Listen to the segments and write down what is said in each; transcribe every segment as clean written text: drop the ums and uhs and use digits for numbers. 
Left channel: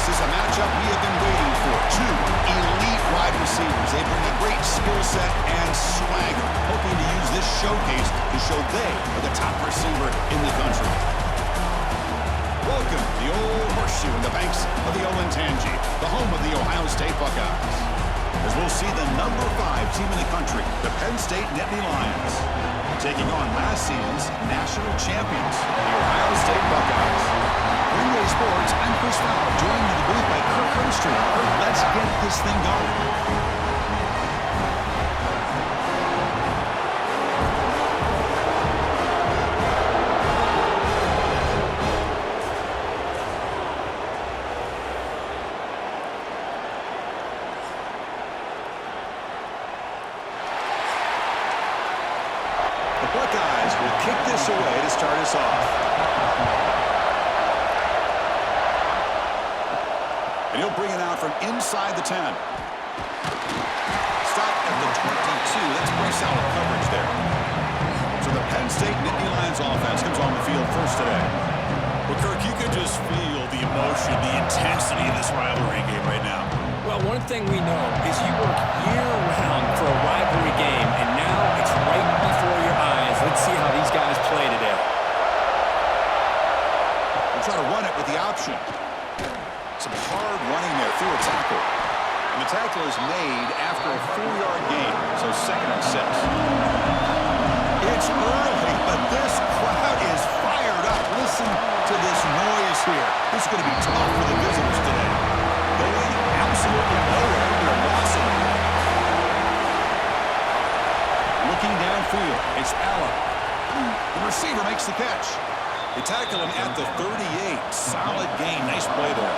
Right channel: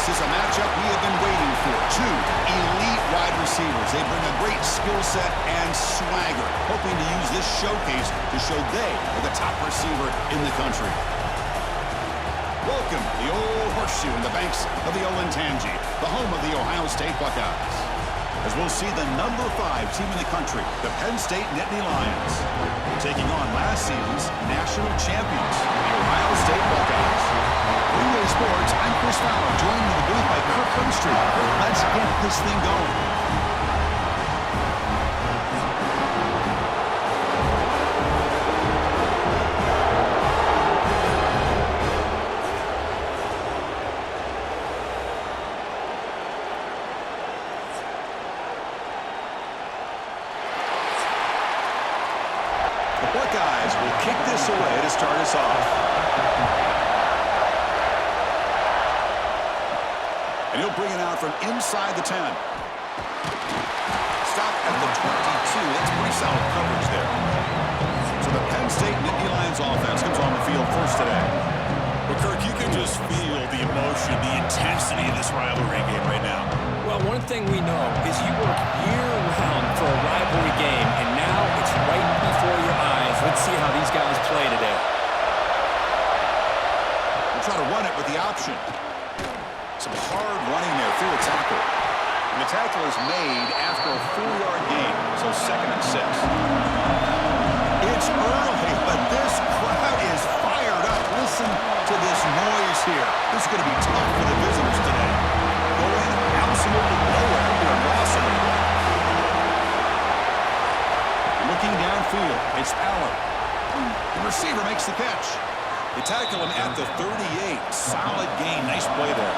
This is a matchup we have been waiting for. Two elite wide receivers. They bring a great skill set and swagger, hoping to use this showcase to show they are the top receiver in the country. Welcome to the Old Horseshoe in the banks of the Olentangy, the home of the Ohio State Buckeyes. As we'll see the number 5 team in the country, the Penn State Nittany Lions, taking on last season's national champions, the Ohio State Buckeyes. For EA Sports, I'm Chris Fowler, joined in the booth by Kirk Herbstreit. Kirk, let's get this thing going. Buckeyes will kick this away to start us off. And he'll bring it out from inside the 10. Stop at the 22. That's pretty solid coverage there. So the Penn State Nittany Lions offense comes on the field first today. Well, Kirk, you can just feel the emotion, the intensity of this rivalry game right now. Well, one thing we know is you work year-round for a rivalry game, and now it's right before your eyes. Let's see how these guys play today. We'll try to run it with the option. Some hard running there through a tackle. And the tackle is made after a 4-yard gain, so 2nd and 6. It's early, but this crowd is fired up. Listen to this noise here. This is going to be tough for the visitors today. Going absolutely nowhere. They're lost in the play. Looking downfield, it's Aller. The receiver makes the catch. They tackle him at the 38. Solid gain. Nice play there.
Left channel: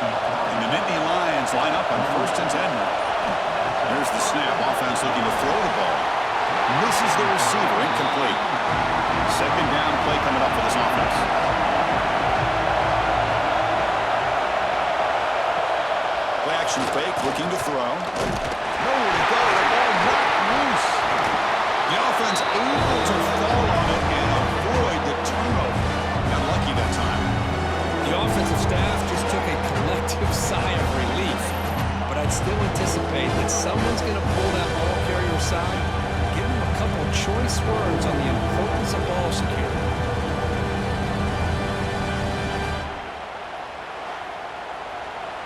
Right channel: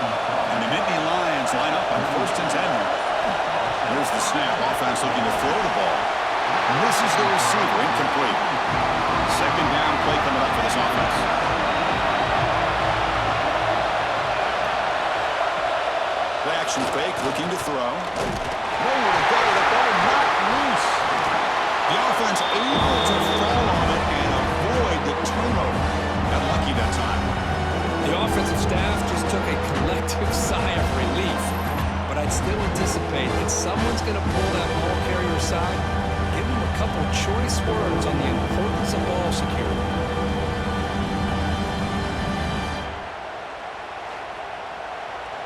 And the Nittany Lions line up on 1st and 10 here. There's the snap. Offense looking to throw the ball. Misses the receiver. Incomplete. 2nd down play coming up for this offense. Play action fake, looking to throw. Nowhere to go. The ball knocked loose. The offense able to fall on it and avoid the turnover. Got lucky that time. The offensive staff just took a collective sigh of relief. But I'd still anticipate that someone's going to pull that ball carrier aside, give him a couple choice words on the importance of ball security.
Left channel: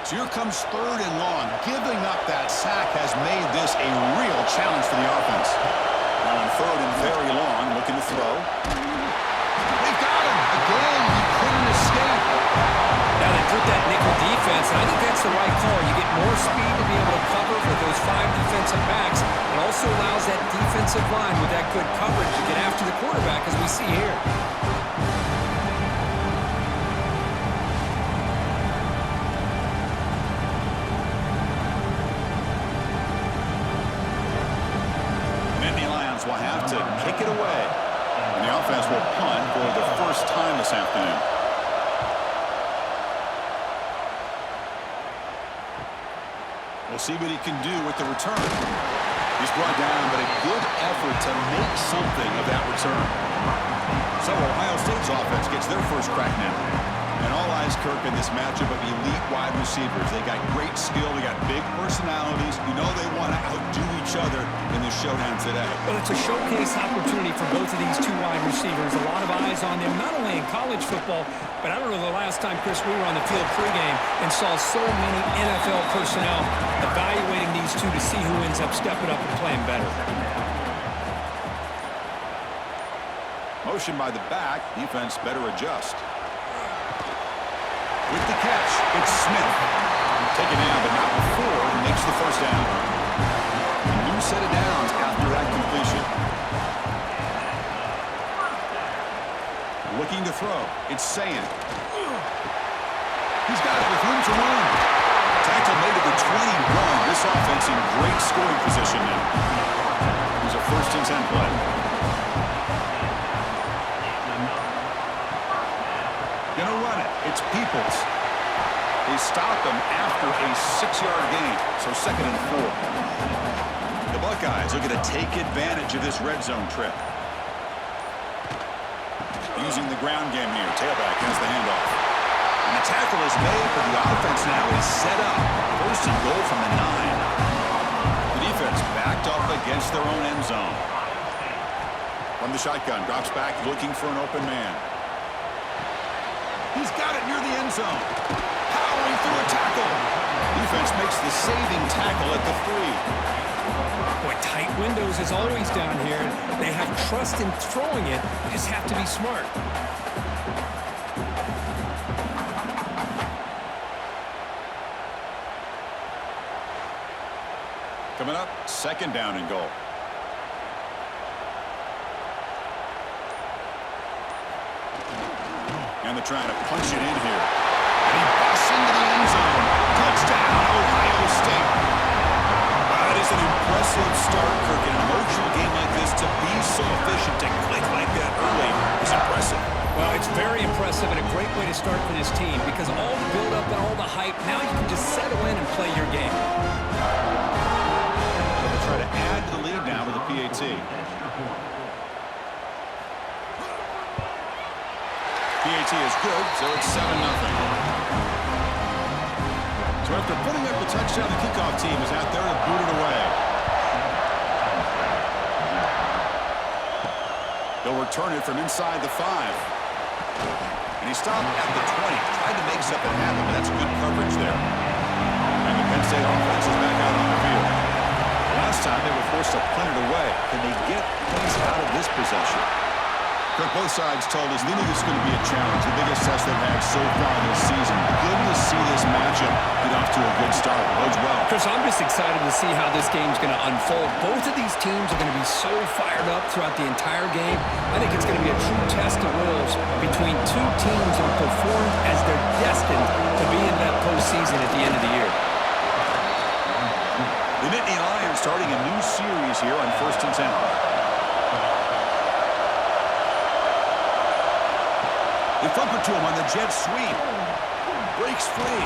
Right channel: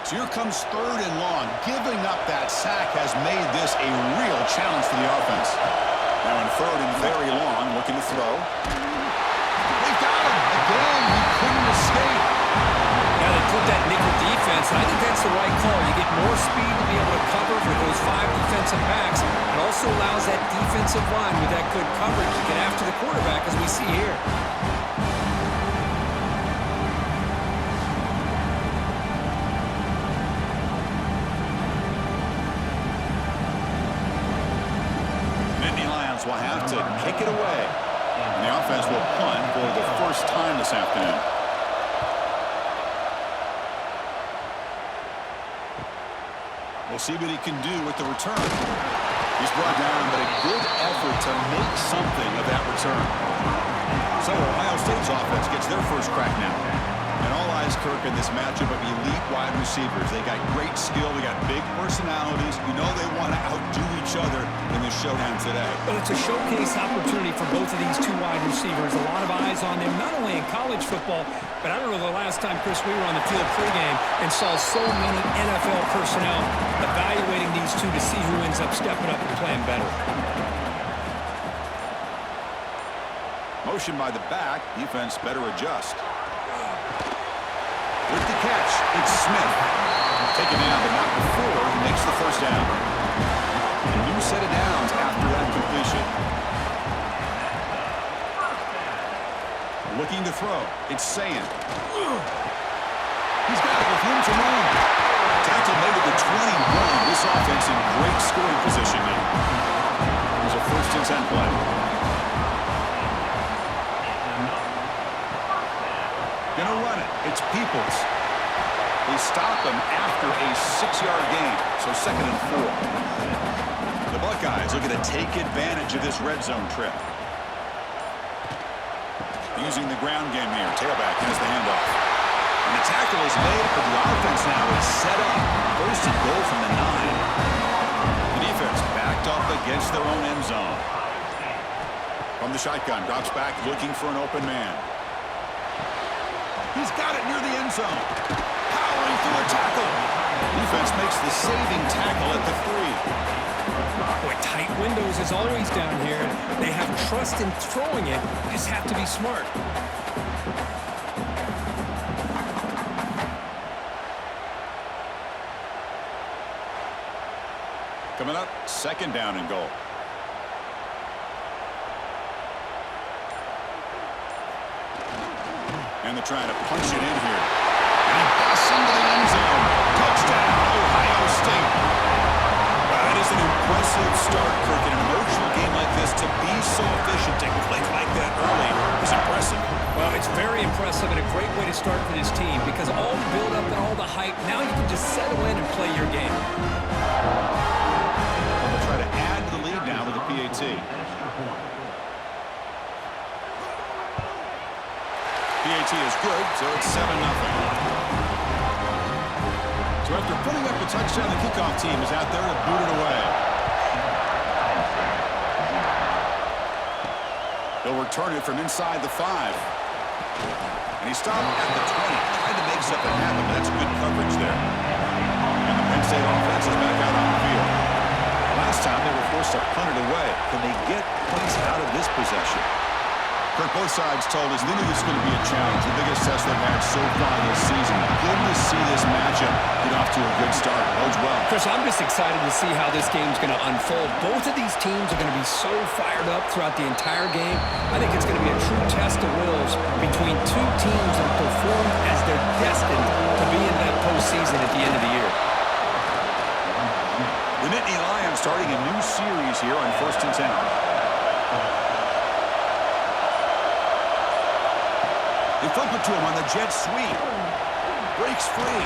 So here comes 3rd and long. Giving up that sack has made this a real challenge for the offense. Now in 3rd and very long, looking to throw. They've got him. Again, he couldn't escape. Now they put that nickel defense, and I think that's the right call. You get more speed to be able to cover for those 5 defensive backs. It also allows that defensive line with that good coverage to get after the quarterback, as we see here. Will have to kick it away. And the offense will punt for the first time this afternoon. We'll see what he can do with the return. He's brought down, but a good effort to make something of that return. So Ohio State's offense gets their first crack now. And all eyes, Kirk, in this matchup of elite wide receivers. They got great skill. They got big personalities. You know they want to outdo each other in this showdown today. Well, it's a showcase opportunity for both of these 2 wide receivers. A lot of eyes on them, not only in college football, but I don't know the last time, Chris, we were on the field pregame and saw so many NFL personnel evaluating these 2 to see who ends up stepping up and playing better. Motion by the back. Defense better adjust. With the catch, it's Smith. Taken down, but not before he makes the first down. A new set of downs after that completion. Looking to throw. It's Sayin. He's got it with room to run. Tackle made at the 21. This offense in great scoring position now. Here's a 1st and 10 play. Gonna run it. It's Peoples. They stop him after a 6-yard gain, so 2nd and 4. The Buckeyes looking to take advantage of this red zone trip. Using the ground game here. Tailback has the handoff. And the tackle is made, but the offense now is set up. First and goal from the 9. The defense backed up against their own end zone. From the shotgun, drops back looking for an open man. He's got it near the end zone. Powering through a tackle. Defense makes the saving tackle at the 3. Boy, tight windows as always down here. They have trust in throwing it. They just have to be smart. Coming up, second down and goal. And they're trying to punch it in here. And he busts into the end zone. Touchdown, Ohio State. Wow, that is an impressive start, Kirk. In an emotional game like this, to be so efficient, to click like that early is impressive. Well, it's very impressive and a great way to start for this team because all the build-up and all the hype, now you can just settle in and play your game. They'll try to add to the lead now with the PAT. PAT is good, so it's 7-0. So after putting up the touchdown, the kickoff team is out there to boot it away. He'll return it from inside the 5. And he stopped at the 20. Tried to make something happen, but that's good coverage there. And the Penn State offense is back out on the field. The last time they were forced to punt it away. Can they get points out of this possession? Kirk, both sides told us they knew this was going to be a challenge, the biggest test they've had so far this season. Good to see this matchup get off to a good start. Bodes well. Chris, I'm just excited to see how this game's going to unfold. Both of these teams are going to be so fired up throughout the entire game. I think it's going to be a true test of wills between two teams that have performed as they're destined to be in that postseason at the end of the year. The Nittany Lions starting a new series here on 1st and 10. They flip it to him on the jet sweep. Breaks free.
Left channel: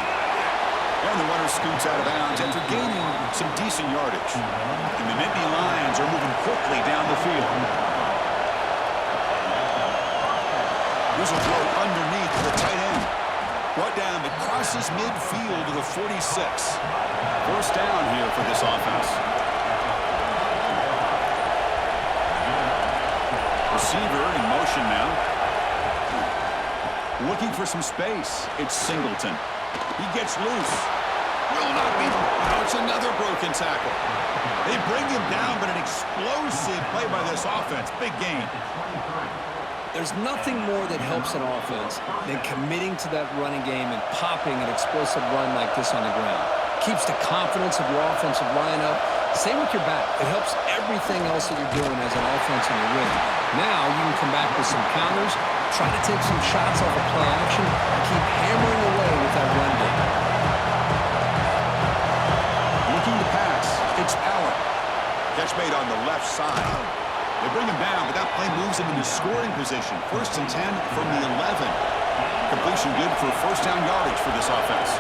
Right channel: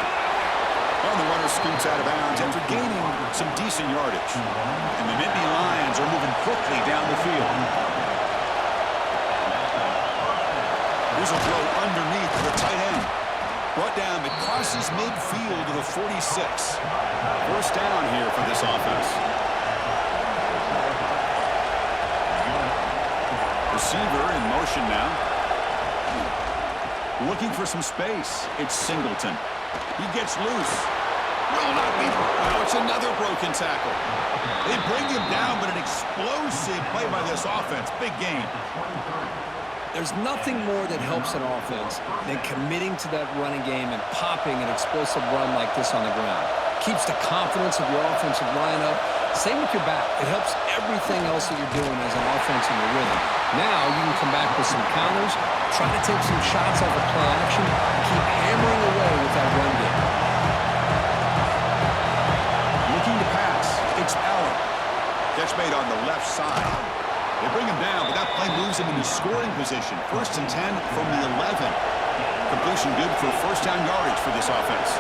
And the runner scoots out of bounds after gaining some decent yardage. And the Nittany Lions are moving quickly down the field. Here's a throw underneath to the tight end. Brought down, but crosses midfield to the 46. First down here for this offense. Receiver in motion now. Looking for some space. It's Singleton. He gets loose. Will not be. Now it's another broken tackle. They bring him down, but an explosive play by this offense. Big gain. There's nothing more that helps an offense than committing to that running game and popping an explosive run like this on the ground. Keeps the confidence of your offensive lineup. Same with your back. It helps everything else that you're doing as an offense in your rhythm. Now you can come back with some counters, try to take some shots off of play action, and keep hammering away with that run game. Looking to pass. It's Allen. Catch made on the left side. They bring him down, but that play moves him into scoring position. 1st and 10 from the 11. Completion good for first down yardage for this offense.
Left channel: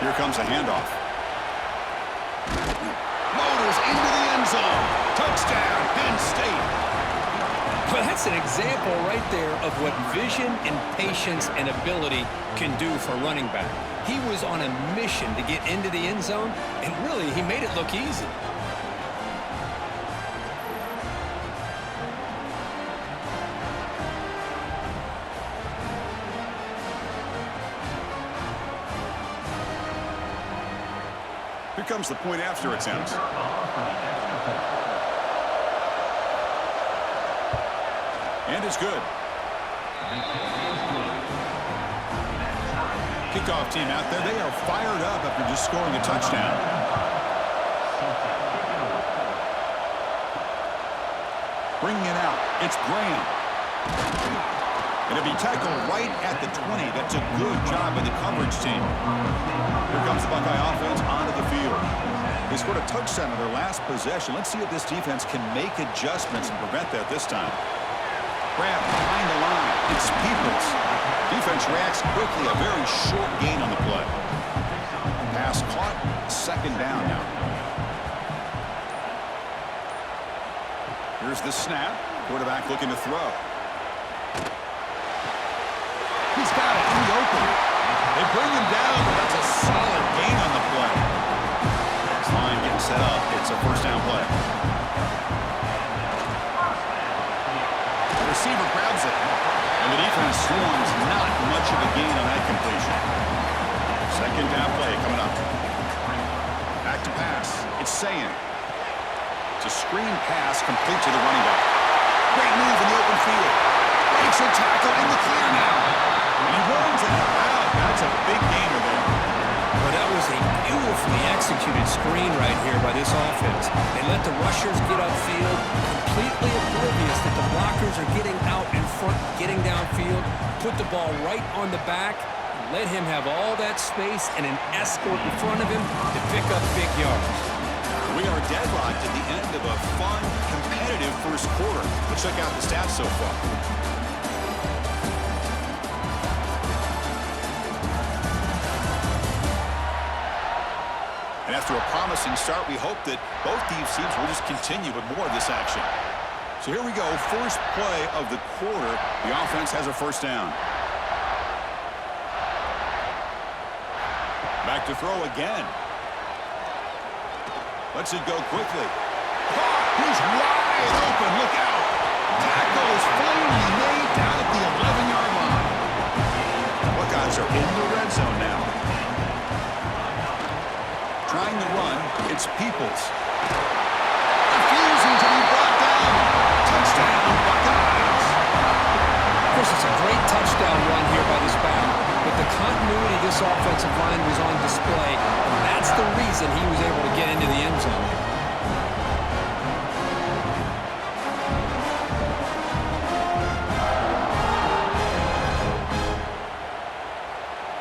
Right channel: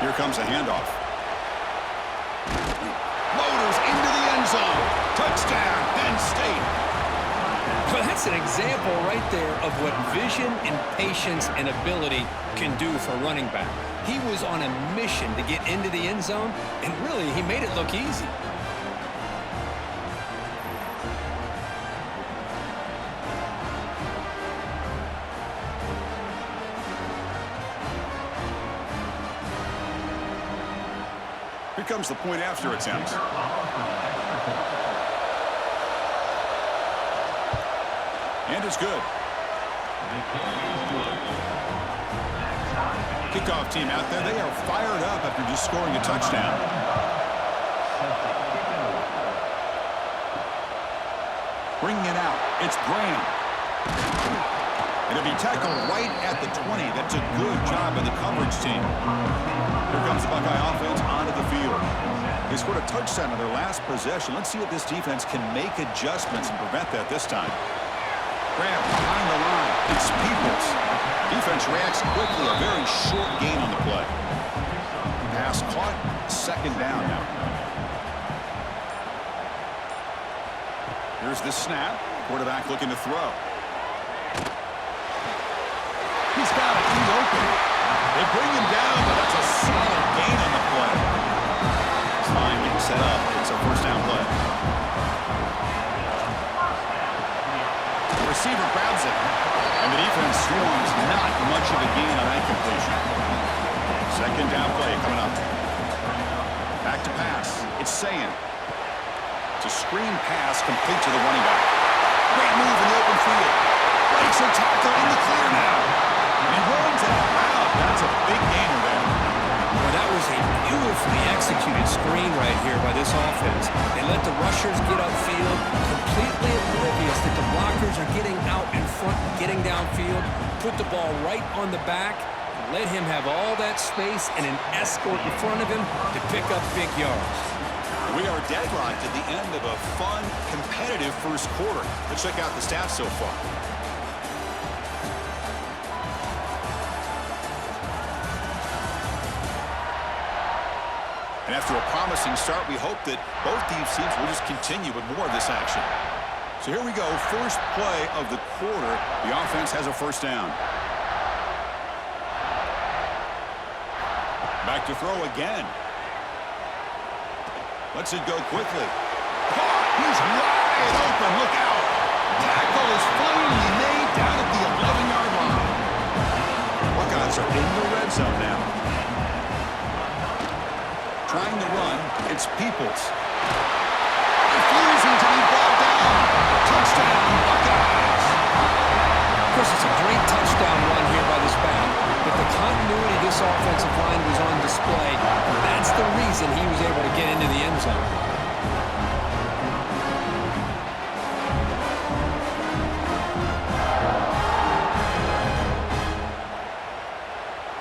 Here comes a handoff. Motors into the end zone. Touchdown, Penn State. Well, that's an example right there of what vision and patience and ability can do for a running back. He was on a mission to get into the end zone, and really, he made it look easy. Here comes the point after attempt. And it's good. Kickoff team out there, they are fired up after just scoring a touchdown. Bringing it out, it's Graham. And it'll be tackled right at the 20. That's a good job by the coverage team. Here comes the Buckeye offense onto the field. They scored a touchdown on their last possession. Let's see if this defense can make adjustments and prevent that this time. Grab behind the line. It's Peoples. Defense reacts quickly. A very short gain on the play. Pass caught. Second down now. Here's the snap. Quarterback looking to throw. He's got it in the open. They bring him down, but that's a solid gain on the play. This line getting set up. It's a first down play. The receiver grabs it, and the defense swarms. Not much of a gain on that completion. Second down play coming up. Back to pass. It's Sayin. It's a screen pass complete to the running back. Great move in the open field. Breaks a tackle in the clear now. And he runs it out. That's a big gainer there. Well, that was a beautifully executed screen right here by this offense. They let the rushers get upfield, completely oblivious that the blockers are getting out in front, getting downfield, put the ball right on the back, let him have all that space and an escort in front of him to pick up big yards. We are deadlocked at the end of a fun, competitive first quarter. Let's check out the stats so far. And after a promising start, we hope that both these teams will just continue with more of this action. So here we go, first play of the quarter. The offense has a first down. Back to throw again. Lets it go quickly. Caught! He's wide open. Look out! Tackle is finally made down at the 11-yard line. Buckeyes are in the red zone now. Trying to run, it's Peoples. Refusing to be brought down. Touchdown, Buckeyes! Chris, it's a great touchdown run here by this back, but the continuity of this offensive line was on display, and that's the reason he was able to get into the end zone.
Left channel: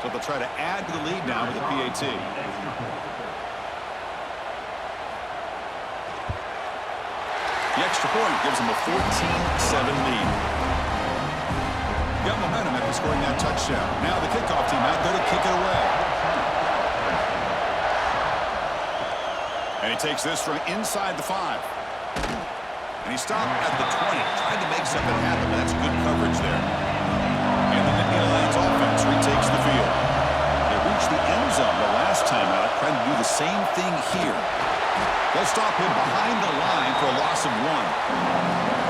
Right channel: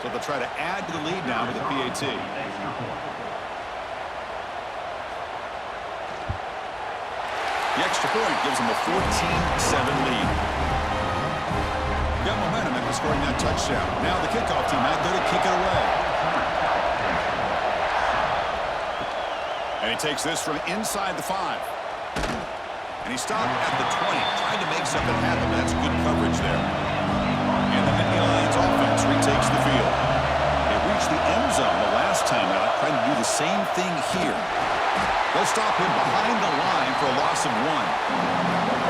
So they'll try to add to the lead now with the PAT. The extra point gives them a 14-7 lead. Got momentum after scoring that touchdown. Now the kickoff team out there to kick it away. And he takes this from inside the 5. And he stopped at the 20. Tried to make something happen, but that's good coverage there. And the Lions offense retakes the field. They reached the end zone the last time out, trying to do the same thing here. They'll stop him behind the line for a loss of 1.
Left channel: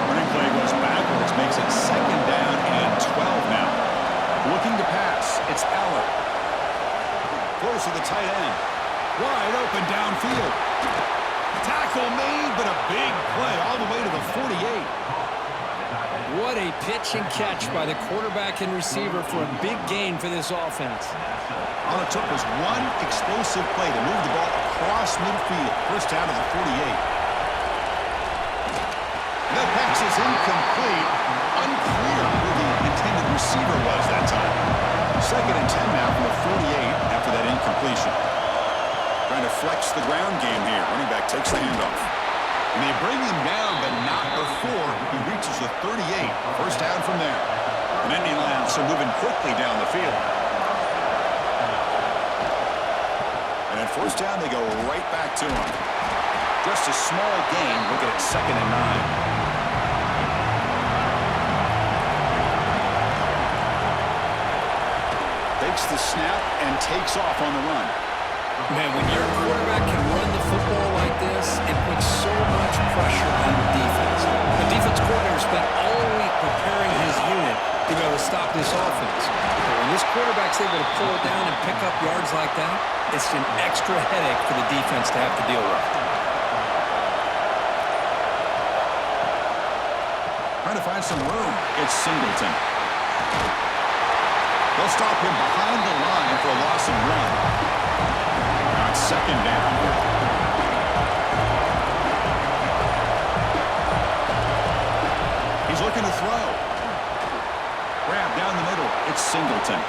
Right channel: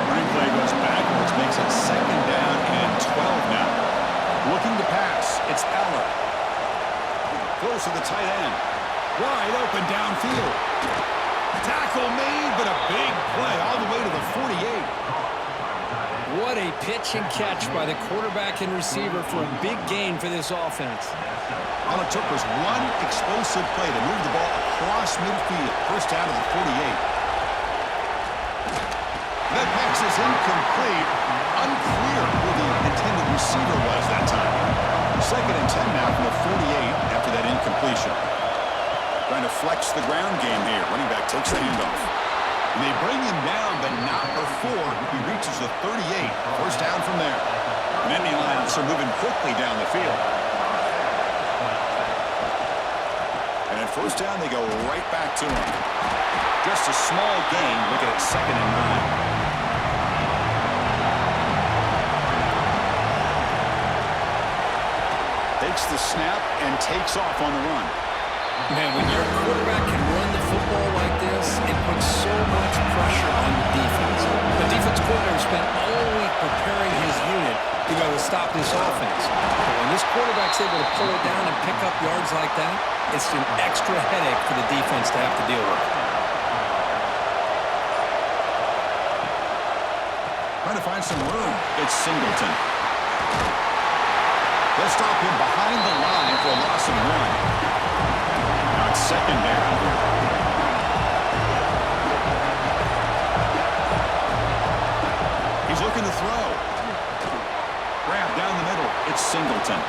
Running play goes backwards, makes it second down and 12 now. Looking to pass, it's Eller. Close to the tight end. Wide open downfield. Tackle made, but a big play all the way to the 48. What a pitch and catch by the quarterback and receiver for a big gain for this offense. All it took was one explosive play to move the ball across midfield. First down to the 48. That pass is incomplete. Unclear who the intended receiver was that time. Second and 10 now from the 48 after that incompletion. Trying to flex the ground game here. Running back takes the handoff. And they bring him down, but not before he reaches the 38. First down from there. And then the Lions are moving quickly down the field. And at first down, they go right back to him. Just a small gain, looking at second and 9. Takes the snap and takes off on the run. Man, when your quarterback can run the football like this, it puts so much pressure on the defense. The defense coordinator spent all week preparing his unit to be able to stop this offense. But when this quarterback's able to pull it down and pick up yards like that, it's an extra headache for the defense to have to deal with. Trying to find some room. It's Singleton. They'll stop him behind the line for a loss of 1. Now it's second down. He's looking to throw. Grab down the middle. It's Singleton.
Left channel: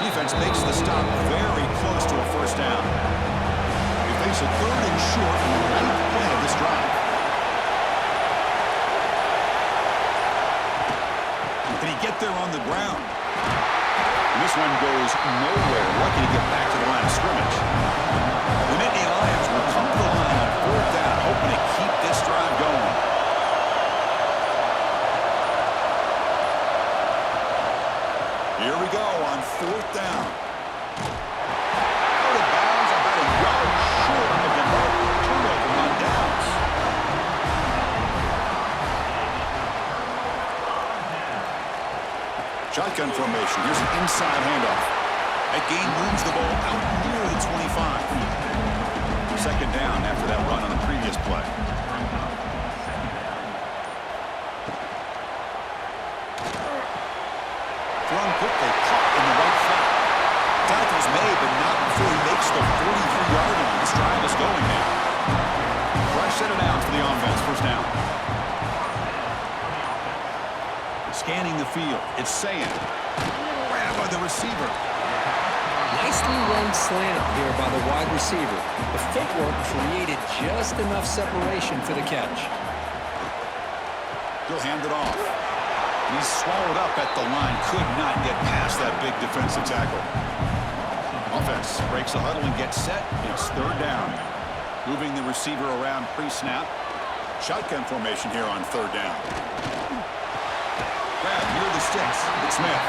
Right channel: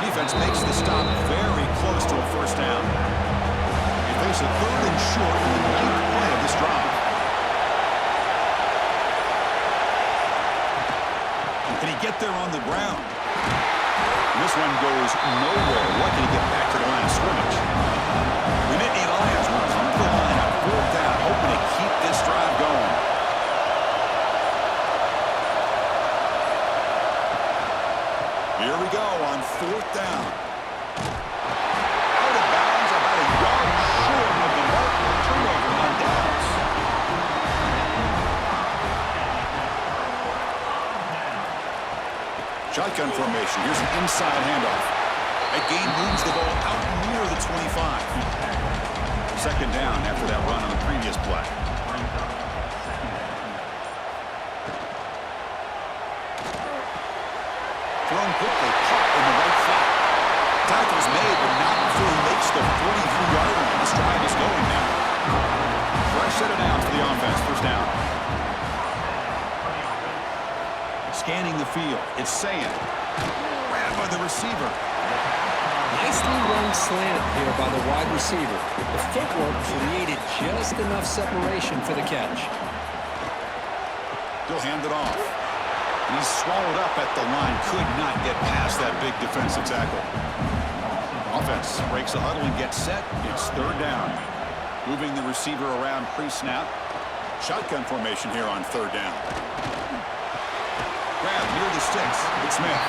Defense makes the stop very close to a first down. They face a third and short on the 9th play of this drive. Can he get there on the ground? And this one goes nowhere. Lucky to get back to the line of scrimmage. The Nittany Lions will come to the line on 4th down, hoping to keep this drive going. Here we go on 4th down. Out of bounds, about a yard short of the mark for a turnover on downs. Shotgun formation. Here's an inside handoff. That gain moves the ball out near the 25. 2nd down after that run on the previous play. Thrown quickly, caught in the right flat. Tackle's made, but not before he makes the 43-yard line. This drive is going now. Fresh set of downs for the offense. 1st down. Scanning the field. It's Sayin. Grabbed by the receiver. Nicely run slant here by the wide receiver. The footwork created just enough separation for the catch. He'll hand it off. And he's swallowed up at the line. Could not get past that big defensive tackle. Offense breaks the huddle and gets set. It's 3rd down. Moving the receiver around pre-snap. Shotgun formation here on 3rd down. Grab near the sticks. It's Smith.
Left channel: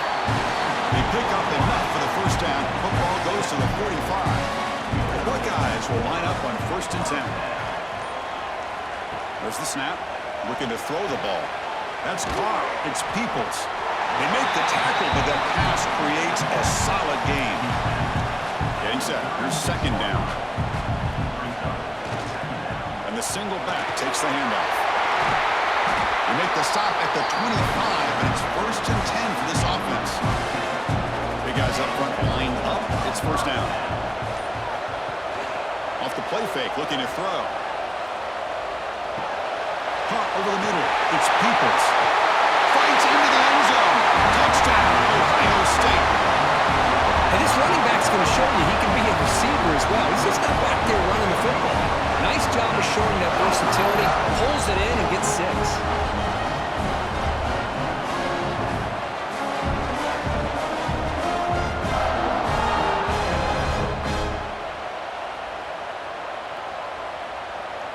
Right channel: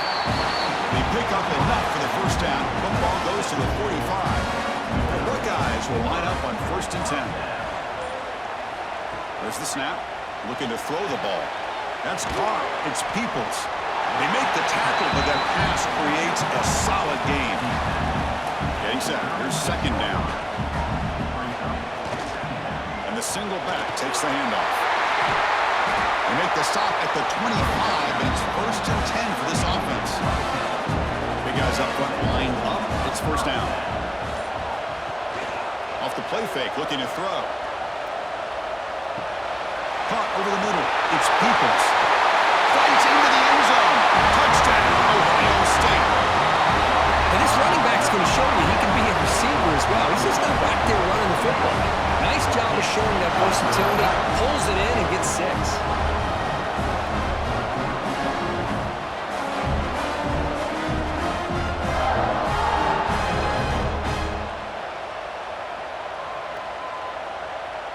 They pick up enough for the 1st down. Football goes to the 45. The Buckeyes will line up on 1st and 10. There's the snap. Looking to throw the ball. That's caught. It's Peoples. They make the tackle, but that pass creates a solid gain. Getting set. Here's 2nd down. And the single back takes the handoff. They make the stop at the 25, and it's 1st and 10 for this offense. Big guys up front lined up. It's 1st down. Off the play fake, looking to throw. Caught over the middle. It's Peoples. Fights into the end zone. Touchdown, Ohio State. And this running back's going to show you he can be a receiver as well. He's just not back there running the football. Nice job of showing that versatility. Pulls it in and gets 6.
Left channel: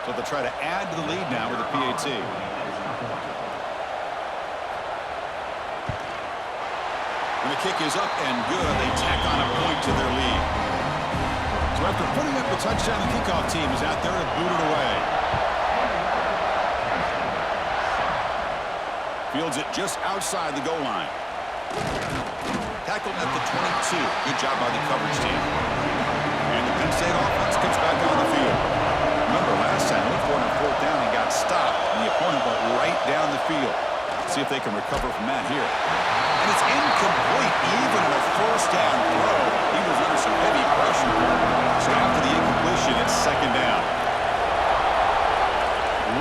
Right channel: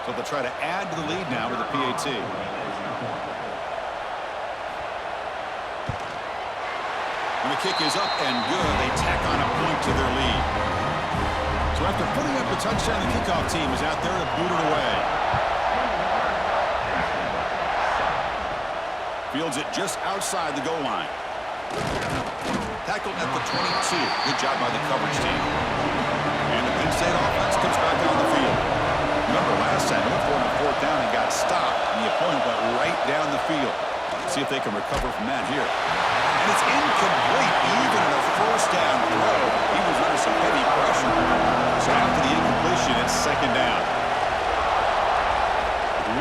So they'll try to add to the lead now with the PAT. When the kick is up and good, they tack on a point to their lead. So after putting up a touchdown, the kickoff team is out there to boot it away. Fields it just outside the goal line. Tackled at the 22. Good job by the coverage team. And the Penn State offense comes back on the field. Remember last time, they went for it on 4th down and got stopped, and the opponent went right down the field. See if they can recover from that here. And it's incomplete, even in a 1st down throw. He was under some heavy pressure. So after the incompletion, it's 2nd down.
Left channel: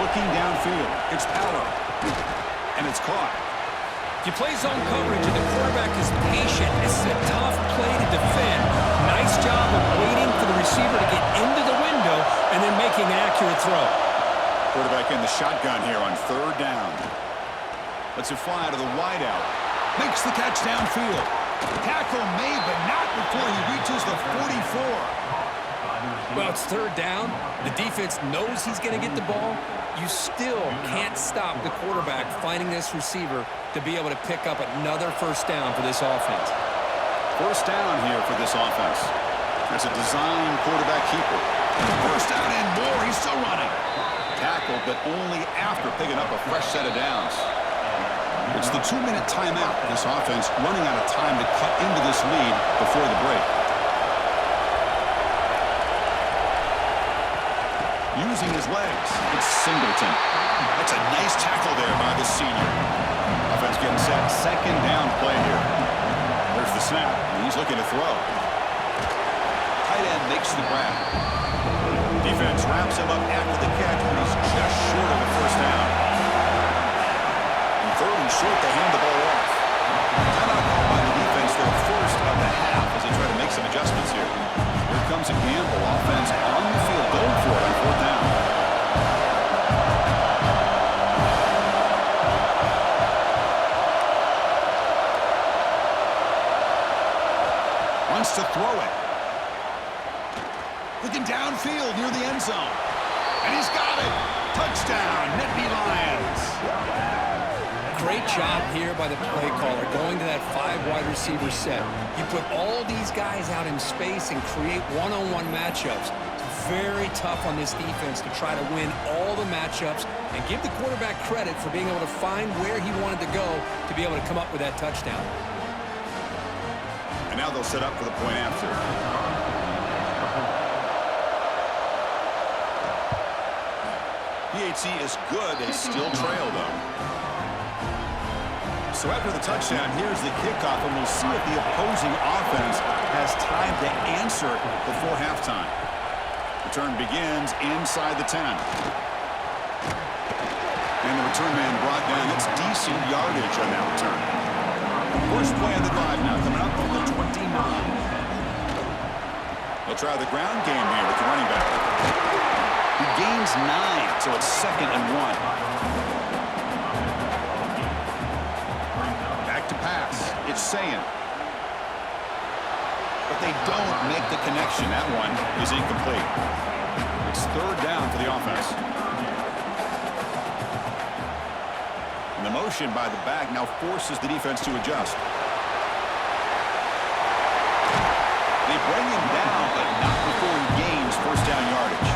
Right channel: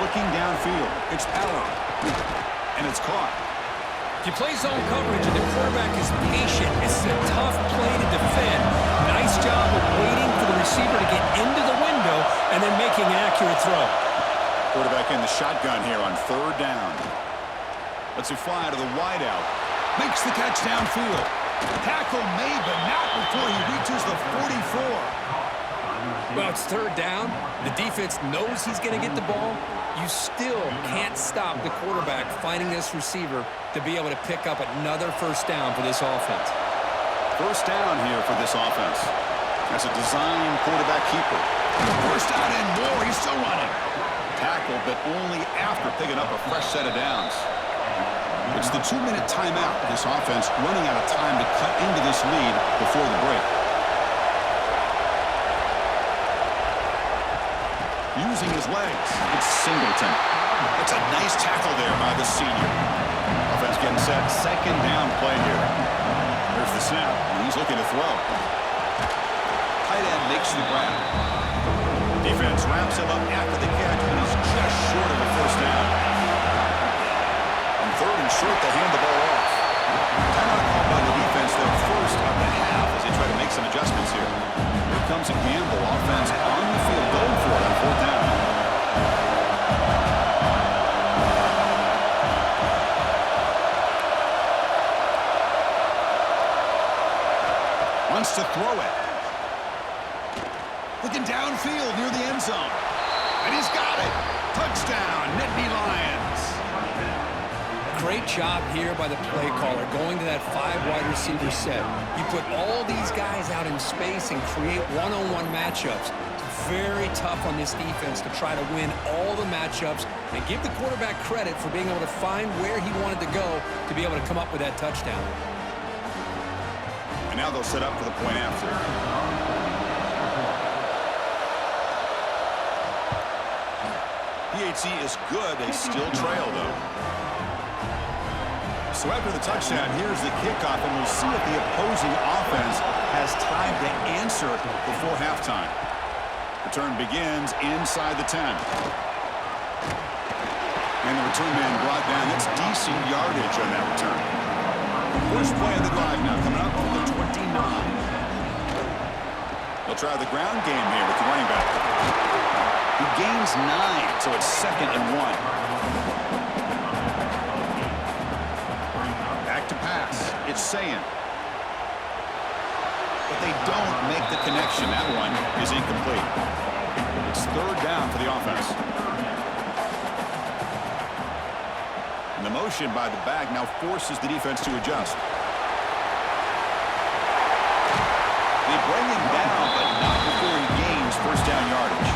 Looking downfield, it's Allen. And it's caught. If you play zone coverage and the quarterback is patient, it's a tough play to defend. Nice job of waiting for the receiver to get into the window and then making an accurate throw. Quarterback in the shotgun here on 3rd down. Lets it fly to the wideout. Makes the catch downfield. Tackle made, but not before he reaches the 44. Well, it's 3rd down. The defense knows he's going to get the ball. You still can't stop the quarterback finding this receiver to be able to pick up another 1st down for this offense. 1st down here for this offense. That's a design quarterback keeper. 1st down and more. He's still running. Tackle, but only after picking up a fresh set of downs. It's the 2-minute timeout. This offense running out of time to cut into this lead before the break. Using his legs, it's Singleton. That's a nice tackle there by the senior. Offense getting set. 2nd down play here. There's the snap, and he's looking to throw. Tight end makes the grab. Defense wraps him up after the catch, but he's just short of a 1st down. And 3rd and short, they hand the ball off. Timeout called by the defense, their 1st of the half as they try to make some adjustments here. Here comes a gamble. Offense on the field, going for it on 4th down. Wants to throw it. Looking downfield near the end zone. And he's got it. Touchdown, Nittany Lions. Great job here by the play caller, going to that 5 wide receiver set. You put all these guys out in space and create one-on-one matchups. It's very tough on this defense to try to win all the matchups and give the quarterback credit for being able to find where he wanted to go to be able to come up with that touchdown. And now they'll set up for the point after. PHC is good. They still trail, though. So after the touchdown, here's the kickoff, and we'll see if the opposing offense has time to answer before halftime. Return begins inside the 10. And the return man brought down. That's decent yardage on that return. First play of the drive now coming up from the 29. They'll try the ground game here with the running back. He gains 9, so it's 2nd and 1. Back to pass. It's Sayin. But they don't make the connection. That one is incomplete. It's 3rd down for the offense. And the motion by the back now forces the defense to adjust. They bring him down, but not before he gains first down yardage.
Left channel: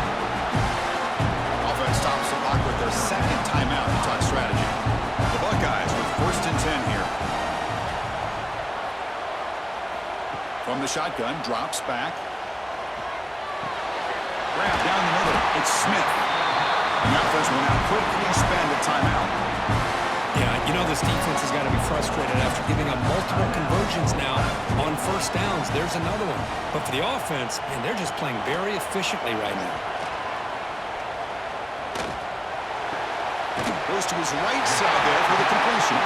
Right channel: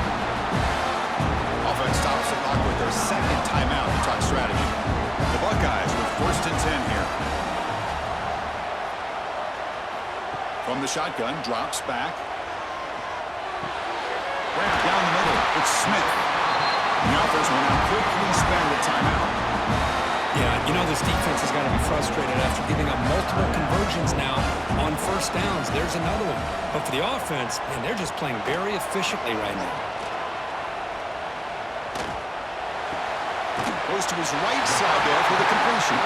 Offense stops the clock with their 2nd timeout to talk strategy. The Buckeyes with 1st and 10 here. From the shotgun, drops back. Grab down the middle. It's Smith. The offense will now quickly spend a timeout. Yeah, you know this defense has got to be frustrated after giving up multiple conversions now on first downs. There's another one. But for the offense, man, they're just playing very efficiently right now. Goes to his right side there for the completion.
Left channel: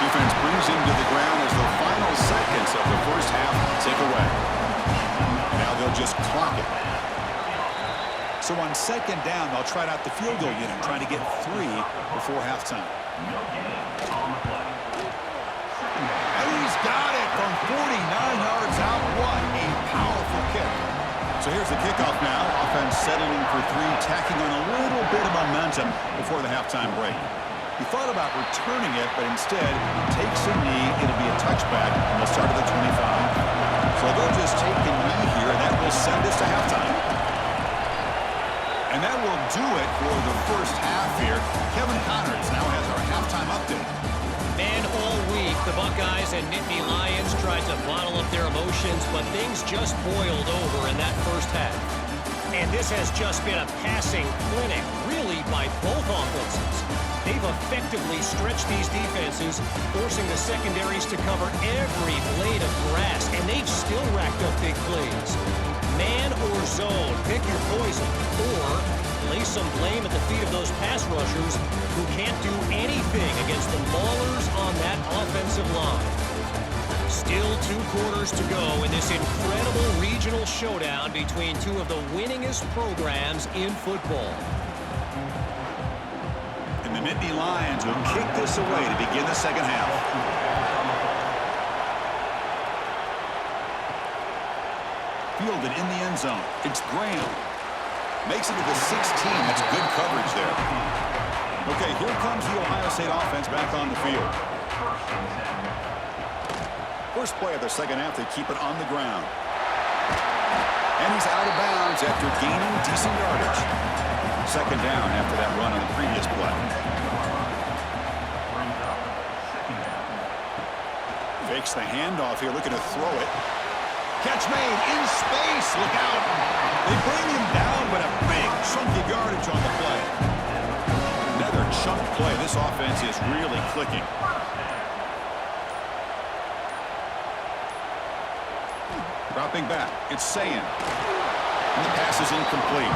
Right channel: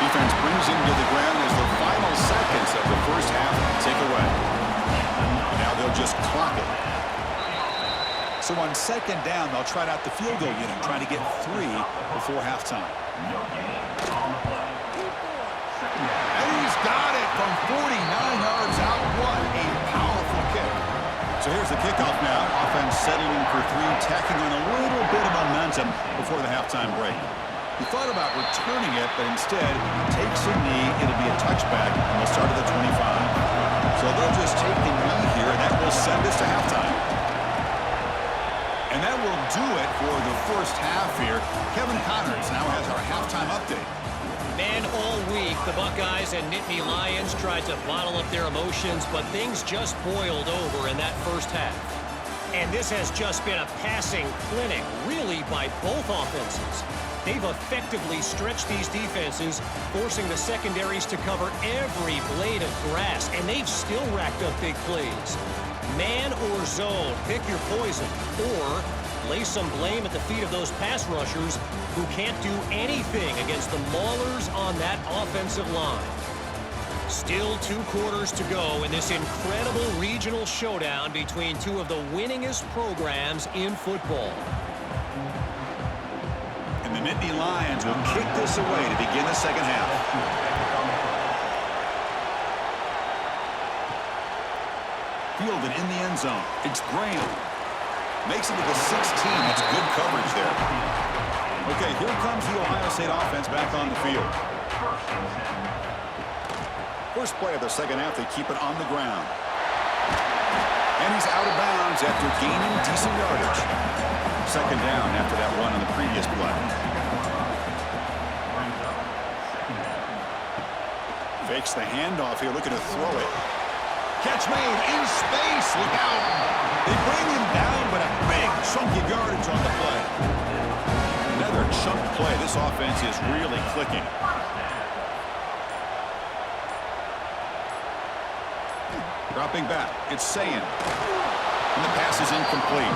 Defense brings him to the ground as the final seconds of the first half tick away. And now they'll just clock it. So on 2nd down, they'll try out the field goal unit, trying to get 3 before halftime. And he's got it from 49 yards out. What a powerful kick. So here's the kickoff now. Offense settling for 3, tacking on a little bit of momentum before the halftime break. He thought about returning it, but instead takes a knee. It'll be a touchback, and they'll start at the 25. So they'll just take a knee here, and that will send us to halftime. And that will do it for the first half here. Kevin Connors now has our halftime update. Man, all week, the Buckeyes and Nittany Lions tried to bottle up their emotions, but things just boiled over in that first half. And this has just been a passing clinic, really, by both offenses. They've effectively stretched these defenses, forcing the secondaries to cover every blade of grass, and they've still racked up big plays. Man or zone, pick your poison, or lay some blame at the feet of those pass rushers who can't do anything against the maulers on that offensive line. Still 2 quarters to go in this incredible regional showdown between 2 of the winningest programs in football. And the Nittany Lions will kick this away to begin the second half. Fielded in the end zone. It's Graham. Makes it to the 16. That's good coverage there. Okay, here comes the Ohio State offense back on the field. First play of the second half, they keep it on the ground. And he's out of bounds after gaining decent yardage. 2nd down after that run on the previous play. Fakes the handoff here, looking to throw it. Catch made in space. Look out. They bring him down, but a big chunk of yardage on the play. Another chunk play. This offense is really clicking. Dropping back. It's Sayin. And the pass is incomplete.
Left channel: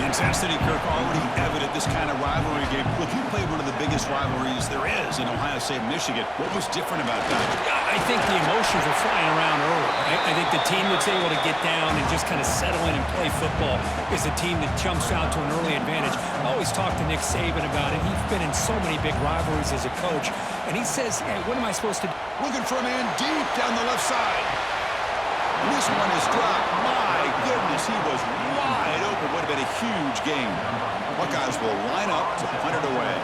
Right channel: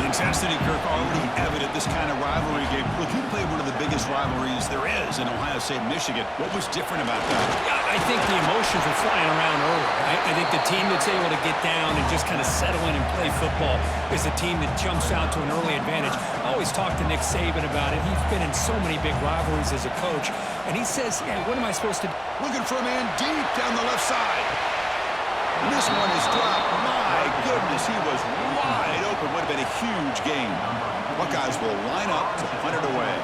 The intensity, Kirk, already evident this kind of rivalry game. Look, you played one of the biggest rivalries there is in Ohio State, Michigan. What was different about that? I think the emotions were flying around early. I think the team that's able to get down and just kind of settle in and play football is the team that jumps out to an early advantage. I always talk to Nick Saban about it. He's been in so many big rivalries as a coach. And he says, hey, what am I supposed to do? Looking for a man deep down the left side. And this one is dropped. My goodness, he was wide open. Would have been a huge game. Buckeyes will line up to punt it away.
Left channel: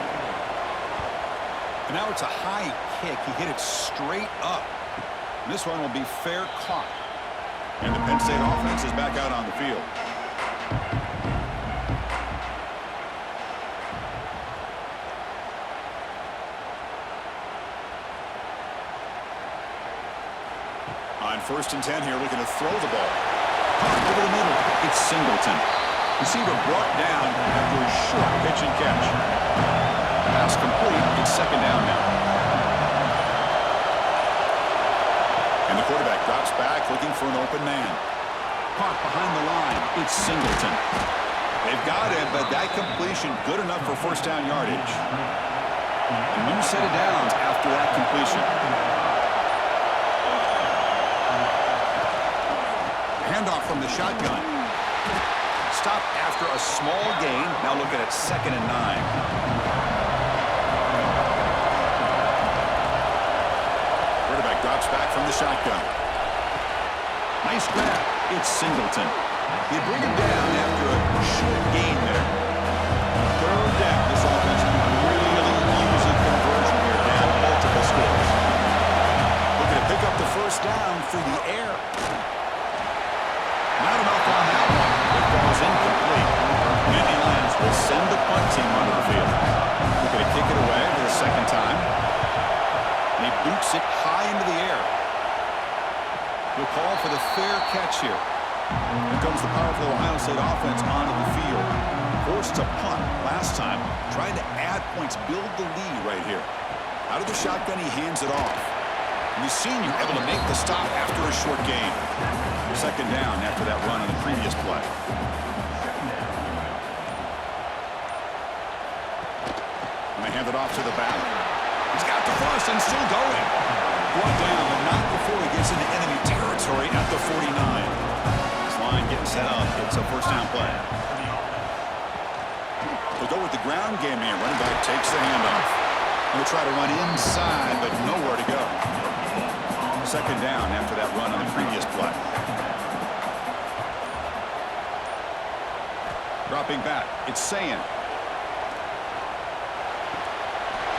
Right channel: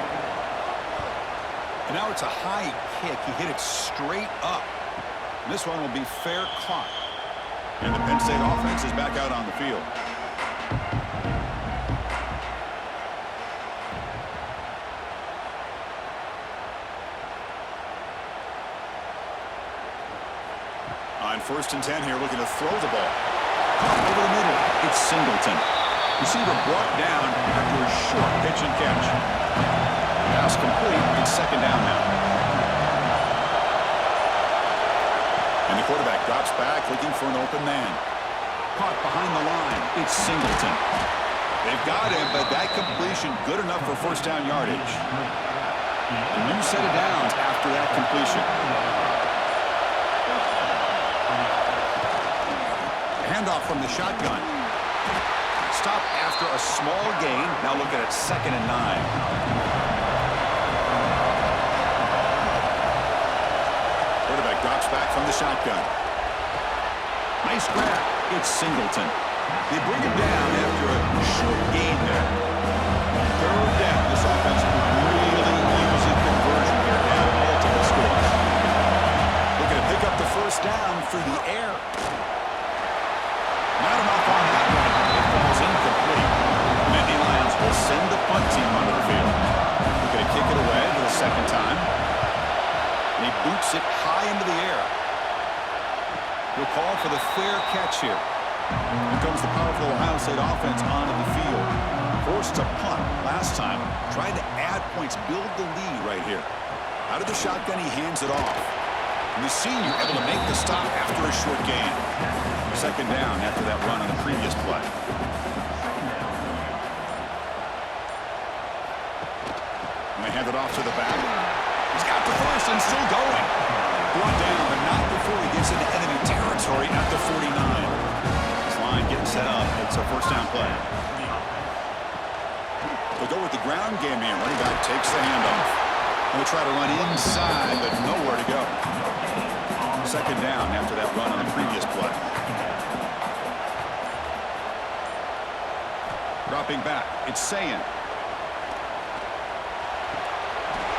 And now it's a high kick. He hit it straight up. And this one will be fair caught. And the Penn State offense is back out on the field. On 1st and 10 here, looking to throw the ball. Caught over the middle. It's Singleton. Receiver brought down after a short pitch and catch. Pass complete. It's 2nd down now. And the quarterback drops back looking for an open man. Caught behind the line. It's Singleton. They've got him, but that completion good enough for 1st down yardage. A new set of downs after that completion. Handoff from the shotgun. Stop after a small gain. Now looking at 2nd and 9. Quarterback drops back from the shotgun. Nice grab. It's Singleton. They bring him down after a short gain there. 3rd down. This offense could really use a conversion here, down multiple scores. Looking to pick up the 1st down through the air. Not enough on that one. It falls incomplete. Nittany Lions will send the punt team onto the field. Looking to kick it away for the 2nd time. And he boots it high into the air. He'll call for the fair catch here. Here comes the powerful Ohio State offense onto the field. Forced to punt last time. Trying to add points, build the lead right here. Out of the shotgun, he hands it off. And the senior able to make the stop after a short gain. 2nd down after that run on the previous play. And they hand it off to the back. He's got the 1st and still going. Brought down, but not before he gets into enemy territory at the 49. This line getting set up. It's a 1st down play. They'll go with the ground game here. Running back takes the handoff. And they try to run inside, but nowhere to go. 2nd down after that run on the previous play. Dropping back, it's Sayin.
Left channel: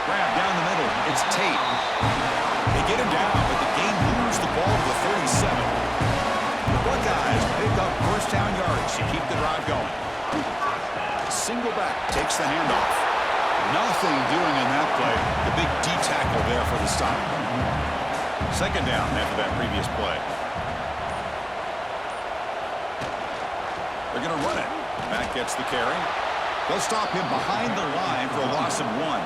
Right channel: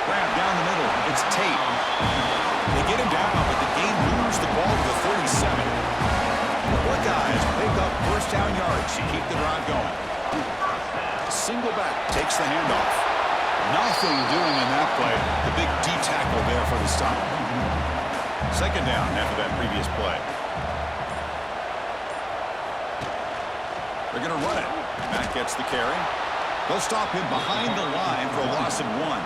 Grab down the middle, it's Tate. They get him down, but the game moves the ball to the 37. The Buckeyes pick up 1st down yardage to keep the drive going. Single back takes the handoff. Nothing doing in that play. The big D tackle there for the stop. 2nd down after that previous play. They're going to run it. Matt gets the carry. They'll stop him behind the line for a loss of 1.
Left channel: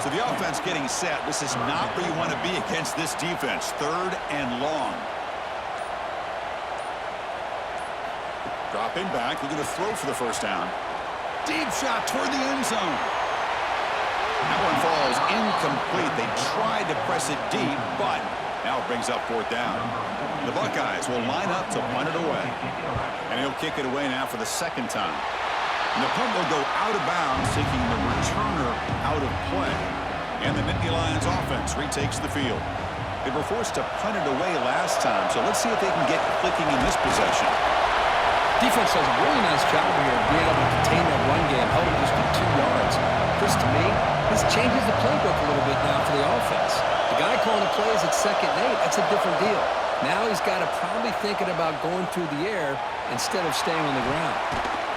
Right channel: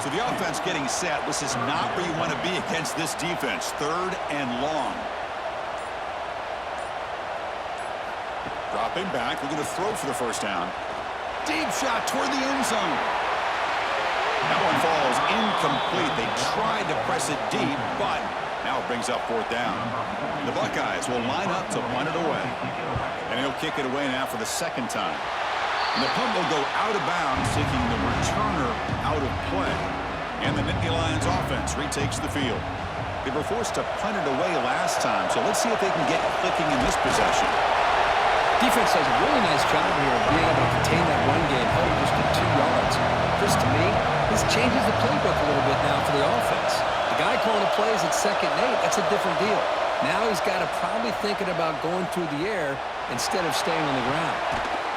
So the offense getting set. This is not where you want to be against this defense. 3rd and long. Dropping back. Looking to throw for the 1st down. Deep shot toward the end zone. That one falls incomplete. They tried to press it deep, but now it brings up 4th down. The Buckeyes will line up to punt it away. And he'll kick it away now for the 2nd time. And the punt will go out of bounds, taking the returner out of play. And the Nittany Lions offense retakes the field. They were forced to punt it away last time, so let's see if they can get clicking in this possession. Defense does a really nice job here of being able to contain that run game, held it just to 2 yards. Chris, to me, this changes the playbook a little bit now for the offense. The guy calling the plays at 2nd and 8, that's a different deal. Now he's got to probably thinking about going through the air instead of staying on the ground.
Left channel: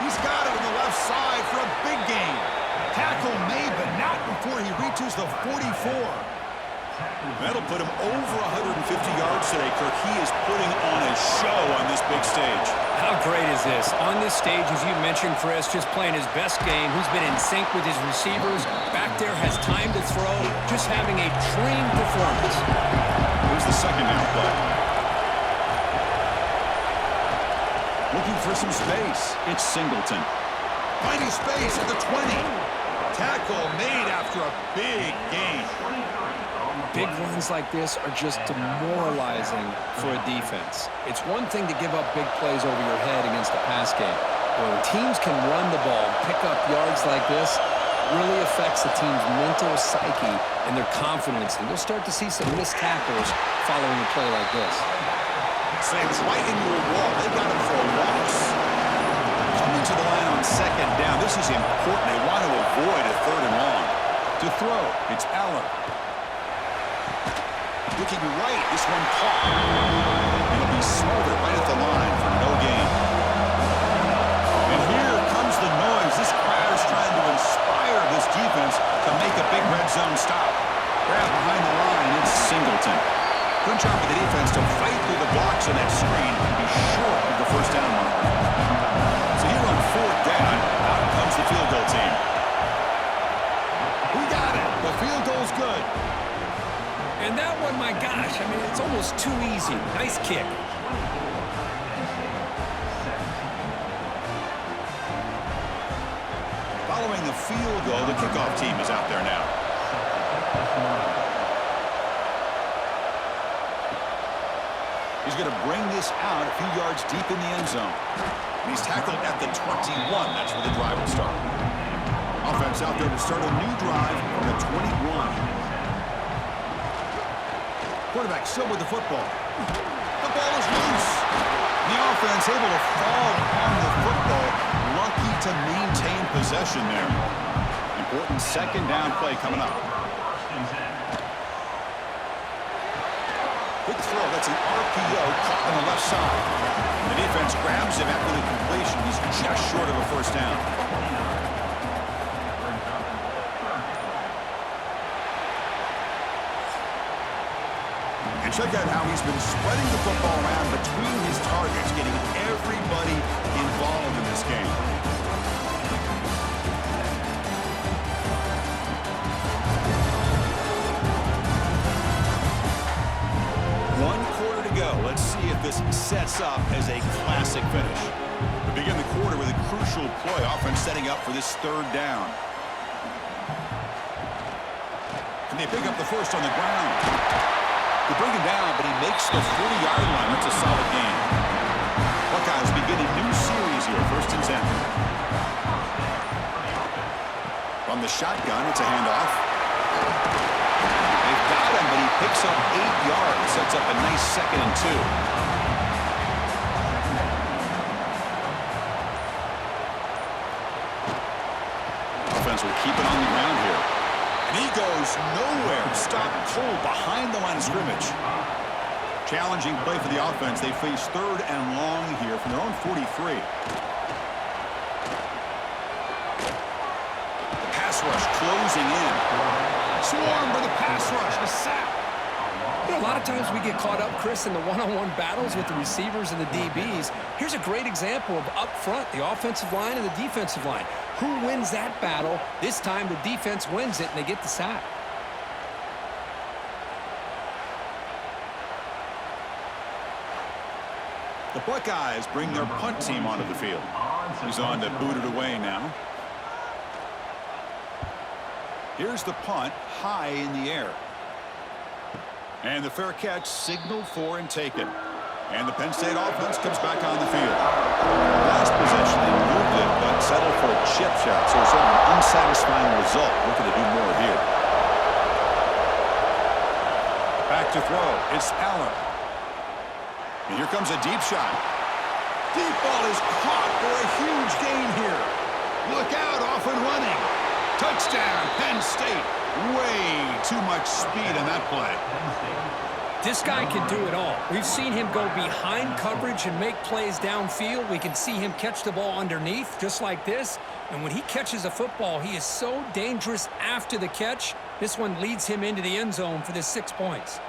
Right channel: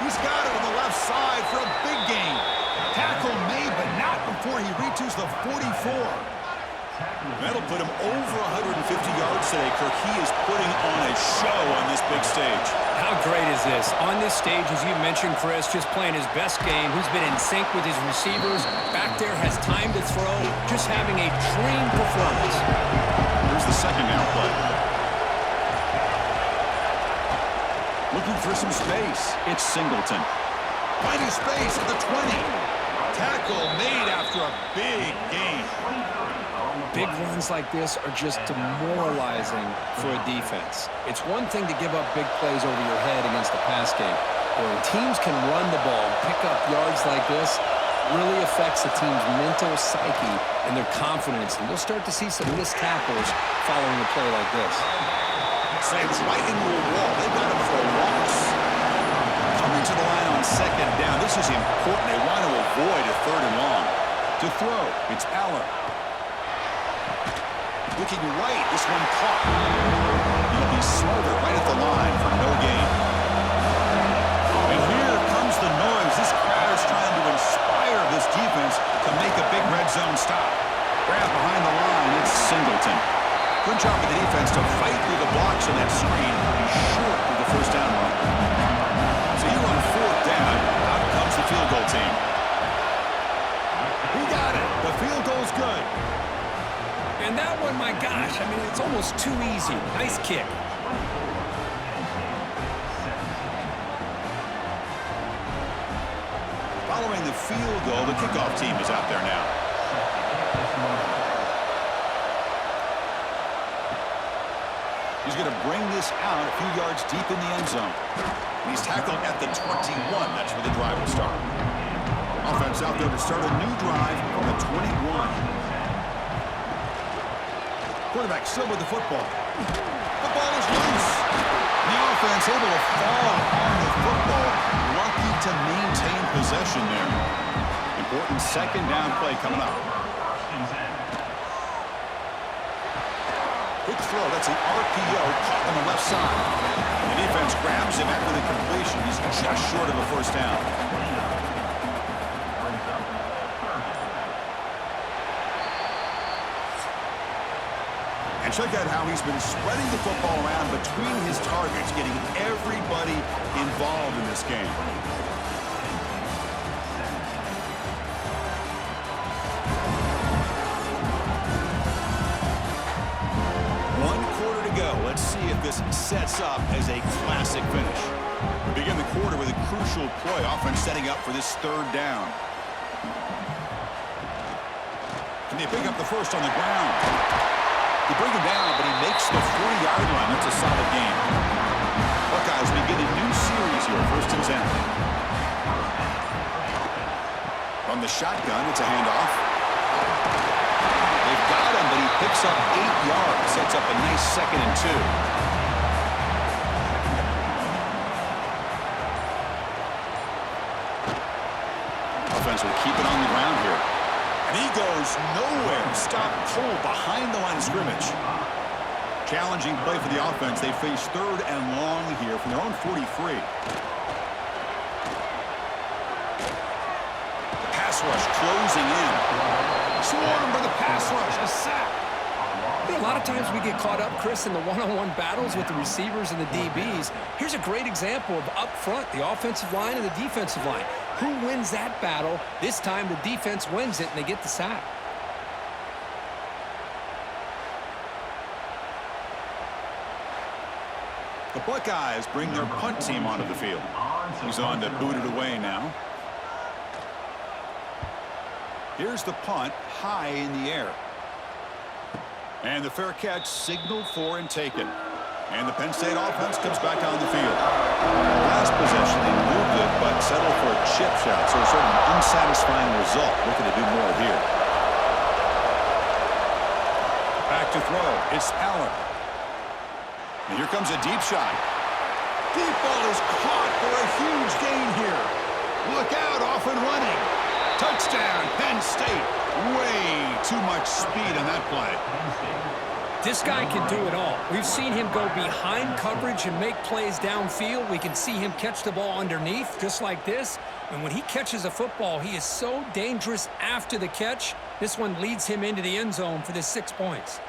He's got it on the left side for a big gain. Tackle made, but not before he reaches the 44. That'll put him over 150 yards today, Kirk. He is putting on a show on this big stage. How great is this? On this stage, as you mentioned, Chris, just playing his best game. He's been in sync with his receivers. Back there, has time to throw. Just having a dream performance. Here's the 2nd down play. Looking for some space. It's Singleton. Finding space at the 20. Tackle made after a big gain. Big runs like this are just demoralizing for a defense. It's one thing to give up big plays over your head against the pass game. But when teams can run the ball and pick up yards like this, it really affects the team's mental psyche and their confidence. And you'll start to see some missed tackles following a play like this. Slams right into a wall. They've got him for a loss. Coming to the line on 2nd down. This is important. They want to avoid a 3rd and long. To throw, it's Allen. Looking right, this one caught. He'll be smothered right at the line for no gain. And here comes the noise. This crowd is trying to inspire this defense to make a big red zone stop. Grab behind the line, it's Singleton. Good job of the defense to fight through the blocks on that screen. Be short of the first down marker. So here on fourth down, out comes the field goal team. He got it. The field goal's good. And that one, my gosh, I mean, it's almost too easy. Nice kick. Following the field goal, the kickoff team is out there now. He's going to bring this out a few yards deep in the end zone. He's tackled at the 21. That's where the drive will start. Offense out there to start a new drive from the 21. Quarterback still with the football. The ball is loose. The offense able to fall on the football. Lucky to maintain possession there. Important second down play coming up. Quick throw. That's an RPO caught on the left side. The defense grabs him after the completion. He's just short of a first down. And check out how he's been spreading the football around between his targets, getting everybody involved in this game. One quarter to go. Let's see if this sets up as a classic finish. We begin the quarter with a crucial play. Offense setting up for this third down. Can they pick up the first on the ground? They bring him down, but he makes the 40-yard line. That's a solid gain. Buckeyes begin a new series here, 1st and 10. From the shotgun, it's a handoff. They've got him, but he picks up 8 yards. Sets up a nice 2nd and 2. Offense will keep it on the ground here. And he goes nowhere. Stopped cold behind the line of scrimmage. Challenging play for the offense. They face 3rd and long here from their own 43. The pass rush closing in. Swarmed by the pass rush. A sack. You know, a lot of times we get caught up, Chris, in the one-on-one battles with the receivers and the DBs. Here's a great example of up front, the offensive line and the defensive line. Who wins that battle? This time the defense wins it, and they get the sack. The Buckeyes bring their punt team onto the field. He's on to boot it away now. Here's the punt, high in the air. And the fair catch signaled for and taken. And the Penn State offense comes back on the field. Last possession, they moved it, but settled for a chip shot. So sort of an unsatisfying result. Looking to do more here. Back to throw. It's Allen. And here comes a deep shot. Deep ball is caught for a huge gain here. Look out, off and running. Touchdown, Penn State. Way too much speed on that play. This guy can do it all. We've seen him go behind coverage and make plays downfield. We can see him catch the ball underneath, just like this. And when he catches a football, he is so dangerous after the catch. This one leads him into the end zone for the 6 points.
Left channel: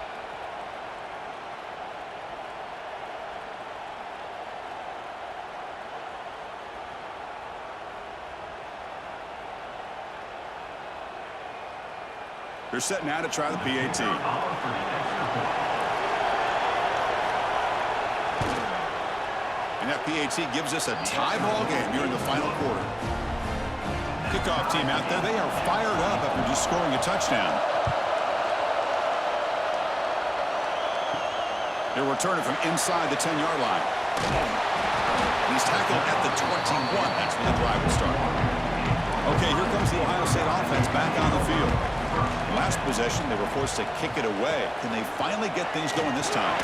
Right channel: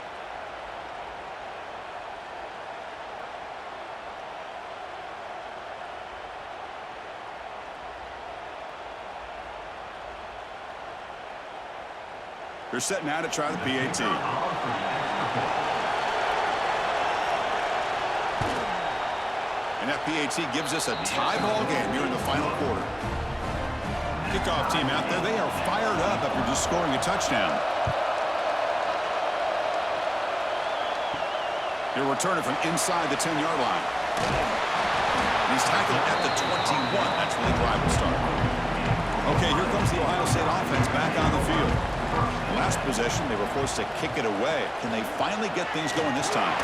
They're set now to try the PAT. And that PAT gives us a tie ball game here in the final quarter. Kickoff team out there, they are fired up after just scoring a touchdown. They're returning from inside the 10-yard line. And he's tackled at the 21. That's where the drive will start. Okay, here comes the Ohio State offense back on the field. The last possession, they were forced to kick it away. Can they finally get things going this time?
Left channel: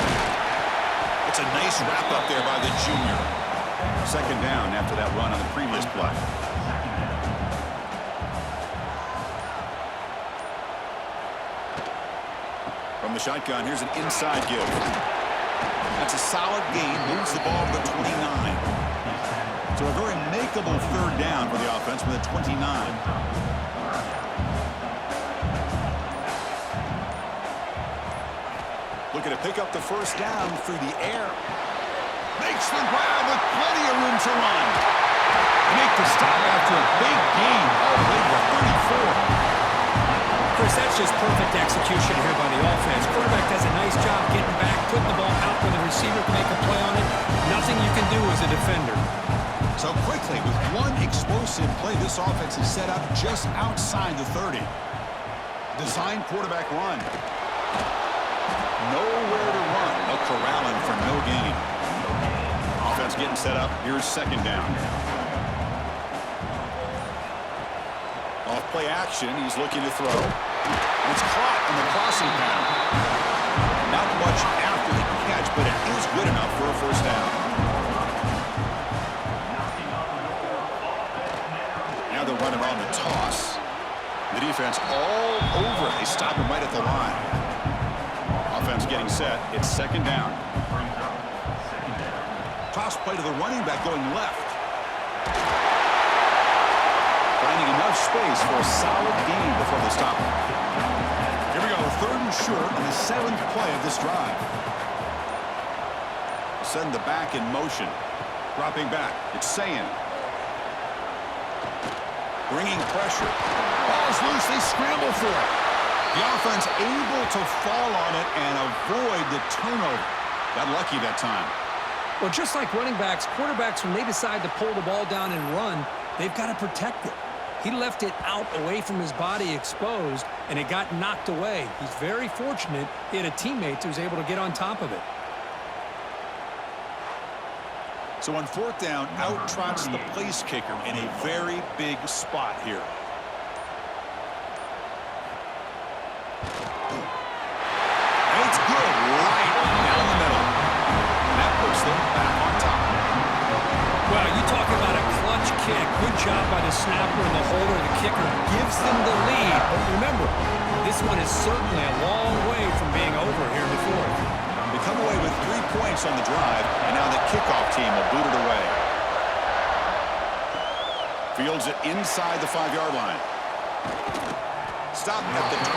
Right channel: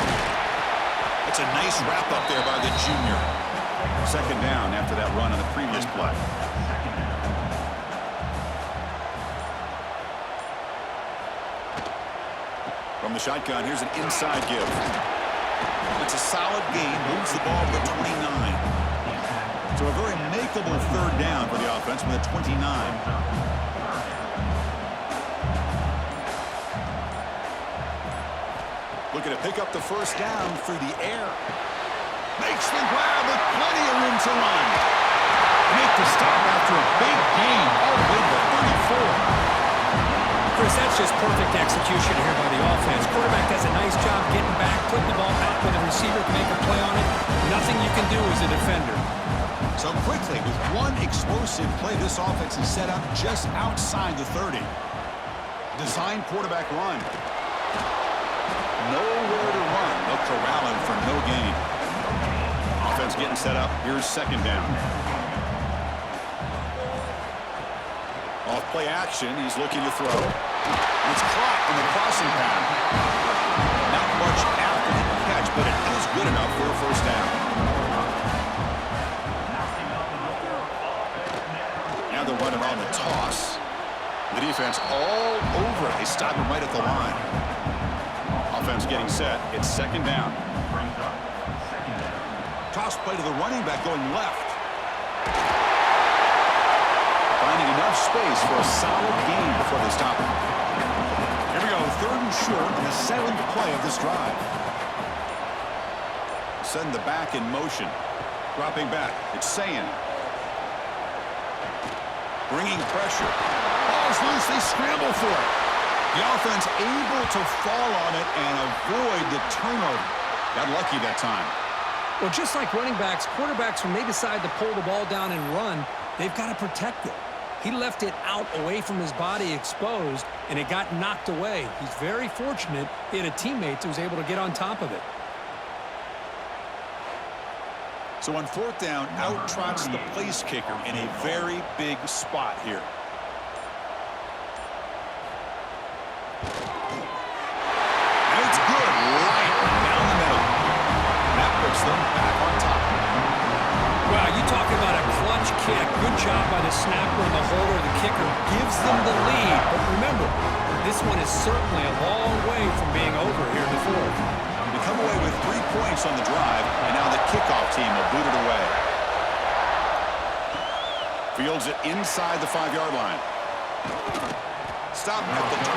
It's a nice wrap up there by the junior. 2nd down after that run on the previous play. From the shotgun, here's an inside give. That's a solid gain. Moves the ball to the 29. So a very makeable third down for the offense with a 29. Looking to pick up the first down through the air. Makes the grab with plenty of room to run. Make the stop after a big gain all the way to the 34. Chris, that's just perfect execution here by the offense. Quarterback does a nice job getting back, putting the ball out where the receiver can make a play on it. Nothing you can do as a defender. So quickly, with one explosive play, this offense is set up just outside the 30. Design quarterback run. Nowhere to run. They'll corral him for no gain. Offense getting set up. Here's second down. Off play action. He's looking to throw. And it's caught on the crossing pattern. Not much after the catch, but it is good enough for a first down. Now they're running on the toss. The defense all over it. They stop him right at the line. Offense getting set. It's second down. Toss play to the running back going left. Finding enough space for a solid gain before they stop him. Here we go, third and short on the 7th play of this drive. Send the back in motion. Dropping back, it's Sayin. Bringing pressure. Ball's loose, they scramble for it. The offense able to fall on it and avoid the turnover. Got lucky that time. Well, just like running backs, quarterbacks, when they decide to pull the ball down and run, they've got to protect it. He left it out away from his body exposed, and it got knocked away. He's very fortunate he had a teammate who was able to get on top of it. So on fourth down, out trots the place kicker in a very big spot here. And it's good right down the middle. And that puts them back on top. Well, you talk about a clutch kick. Good job by the snapper and the holder. The kicker gives them the lead. But remember, this one is certainly a long way from being over here in the fourth. They come away with 3 points on the drive, and now the kickoff team will boot it away. Fields it inside the 5-yard line. Stop at the 22.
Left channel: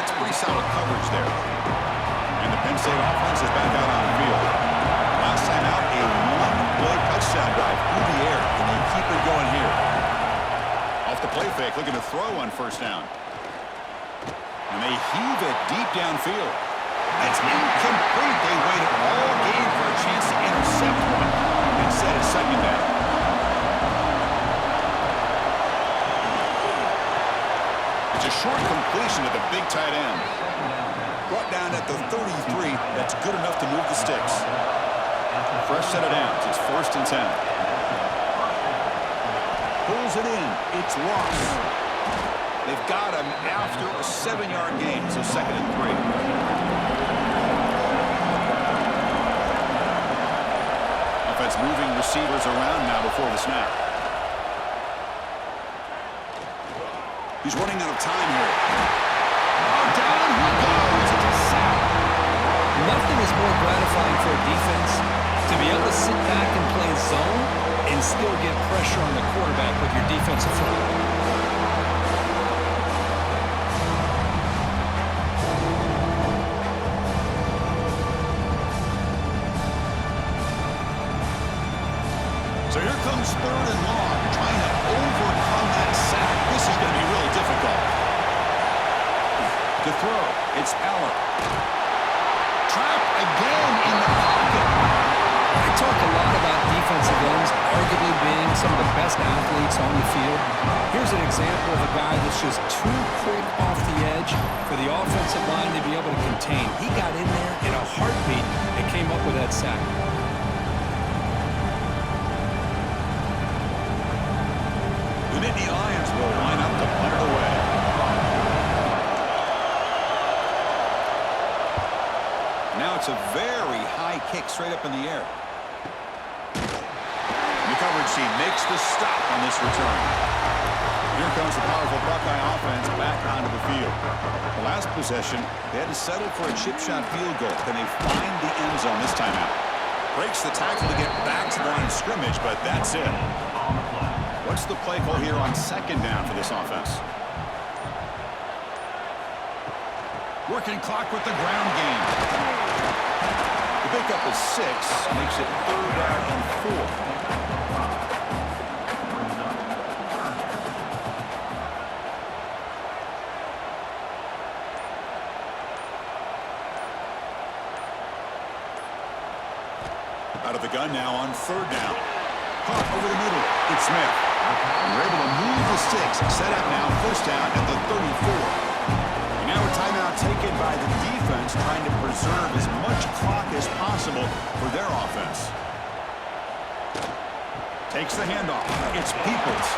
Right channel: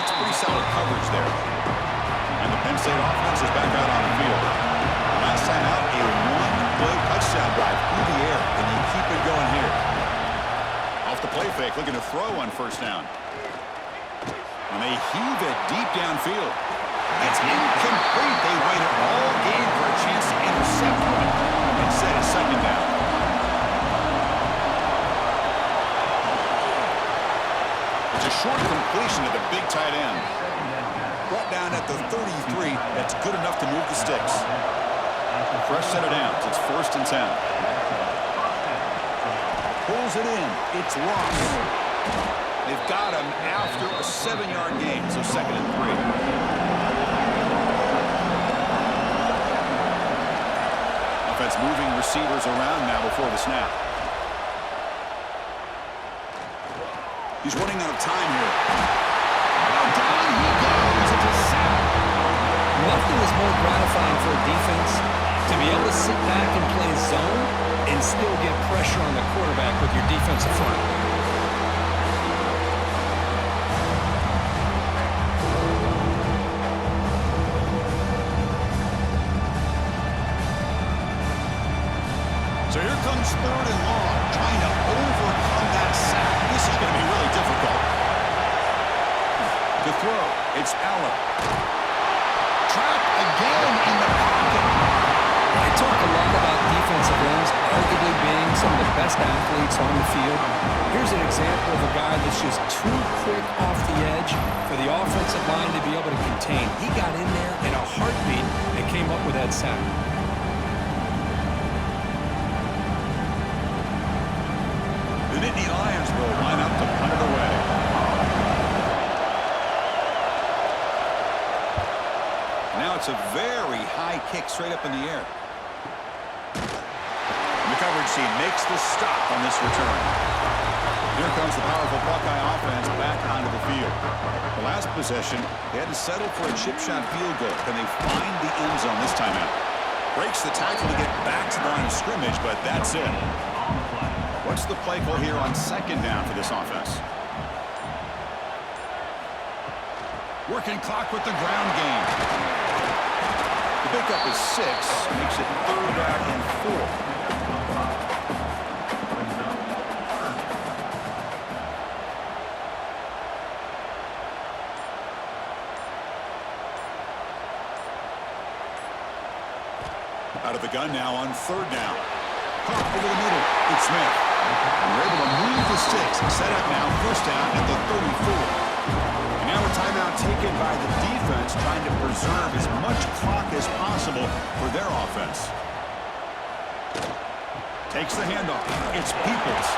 That's pretty solid coverage there. And the Penn State offense is back out on the field. Last time out, a one-play touchdown drive through the air. Can they keep it going here? Off the play fake, looking to throw on first down. And they heave it deep downfield. That's incomplete. They waited all game for a chance to intercept one. Instead, it's second down. It's a short completion to the big tight end. Brought down at the 33. That's good enough to move the sticks. Fresh set of downs. It's 1st and 10. Pulls it in. It's lost. They've got him after a 7-yard gain, so 2nd and 3. Offense moving receivers around now before the snap. He's running out of time here. Oh, down he goes. It's a sack. Nothing is more gratifying for a defense to be able to sit back and play zone and still get pressure on the quarterback with your defensive front. So here comes 3rd and long, trying to overcome that sack. This is going to be really difficult. To throw, it's Eller. Trapped again in the pocket. I talk a lot about defensive ends arguably being some of the best athletes on the field. Here's an example of a guy that's just too quick off the edge for the offensive line to be able to contain. He got in there in a heartbeat and came up with that sack. The Nittany Lions will line up to punt it away. Now it's a very high kick straight up in the air. coverage team makes the stop on this return. Here comes the powerful Buckeye offense back onto the field. The last possession, they had to settle for a chip shot field goal. Can they find the end zone this time out? Breaks the tackle to get back to the line of scrimmage, but that's it. What's the play call here on second down for this offense? Working clock with the ground game. The pickup is 6, makes it 3rd down and 4. Out of the gun now on 3rd down. Caught over the middle. It's Smith. And we're able to move the sticks. Set up now, 1st down at the 34. And now a timeout taken by the defense, trying to preserve as much clock as possible for their offense. Takes the handoff. It's Peoples.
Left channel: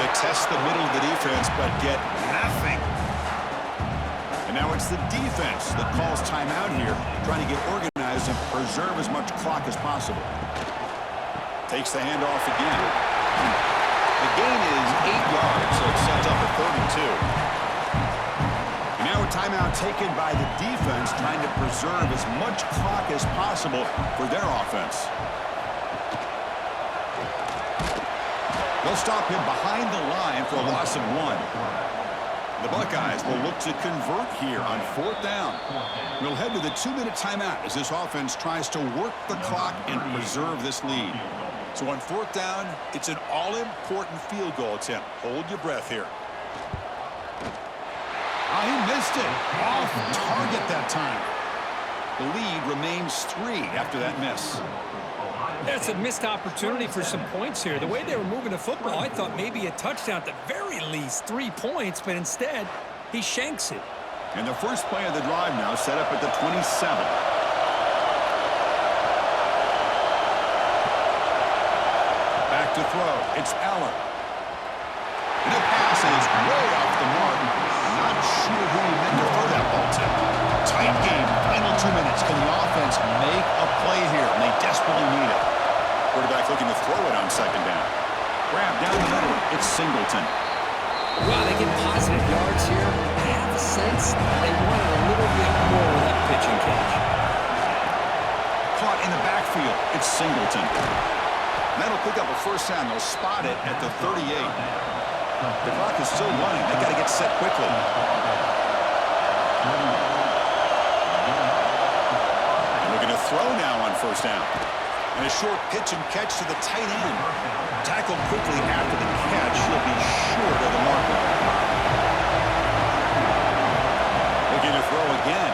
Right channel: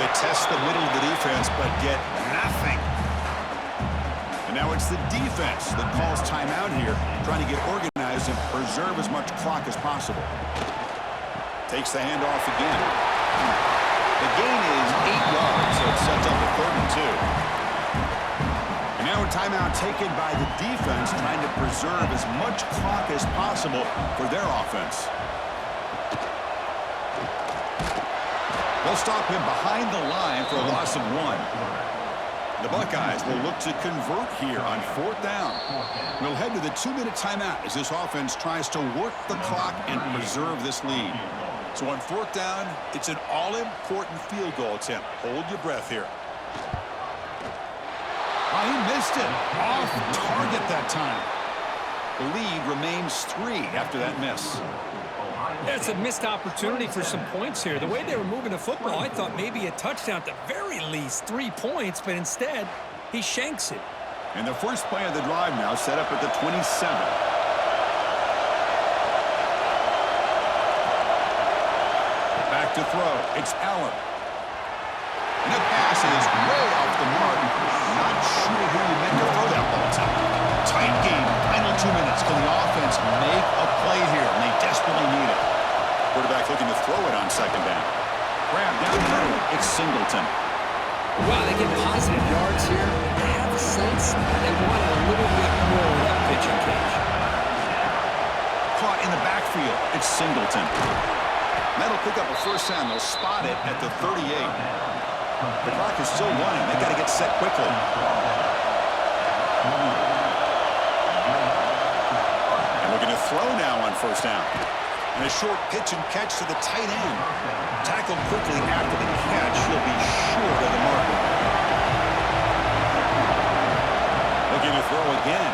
They test the middle of the defense, but get nothing. And now it's the defense that calls timeout here, trying to get organized and preserve as much clock as possible. Takes the handoff again. The gain is 8 yards, so it sets up a 3rd and 2. And now a timeout taken by the defense, trying to preserve as much clock as possible for their offense. They'll stop him behind the line for a loss of 1. The Buckeyes will look to convert here on 4th down. We'll head to the 2-minute timeout as this offense tries to work the clock and preserve this lead. So on 4th down, it's an all-important field goal attempt. Hold your breath here. He missed it. Off target that time. The lead remains 3 after that miss. That's a missed opportunity for some points here. The way they were moving the football, I thought maybe a touchdown, at the very least 3 points, but instead, he shanks it. And the first play of the drive now set up at the 27. Back to throw. It's Allen. And the pass is way off the mark. Not sure who he meant to throw that ball to. Tight game. Final 2 minutes. Can the offense make a play here? And they desperately need it. Quarterback looking to throw it on 2nd down. Grab down the middle. It's Singleton. Wow, they get positive yards here. I have a sense they wanted a little bit more with that pitching cage. Caught in the backfield. It's Singleton. That'll pick up a 1st down. They'll spot it at the 38. The clock is still running. They got to get set quickly. And looking to throw now on 1st down. And a short pitch and catch to the tight end. Tackled quickly after the catch. He'll be short of the marker. Looking to throw again.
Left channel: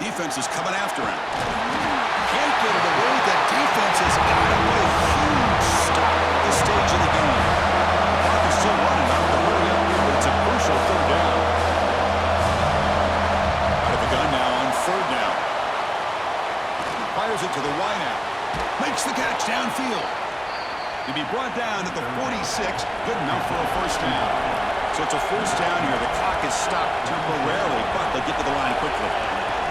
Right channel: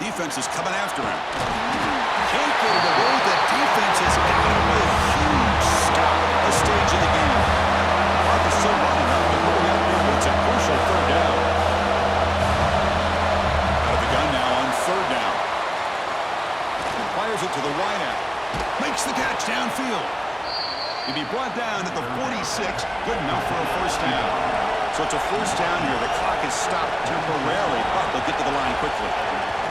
Defense is coming after him. Can't get it away. The defense has got him with a huge stop at this stage of the game. The clock is still running. Not to hurry up here, but it's a crucial 3rd down. Out of the gun now on 3rd down. Fires it to the wideout. Makes the catch downfield. He'll be brought down at the 46. Good enough for a 1st down. So it's a 1st down here. The clock is stopped temporarily, but they'll get to the line quickly.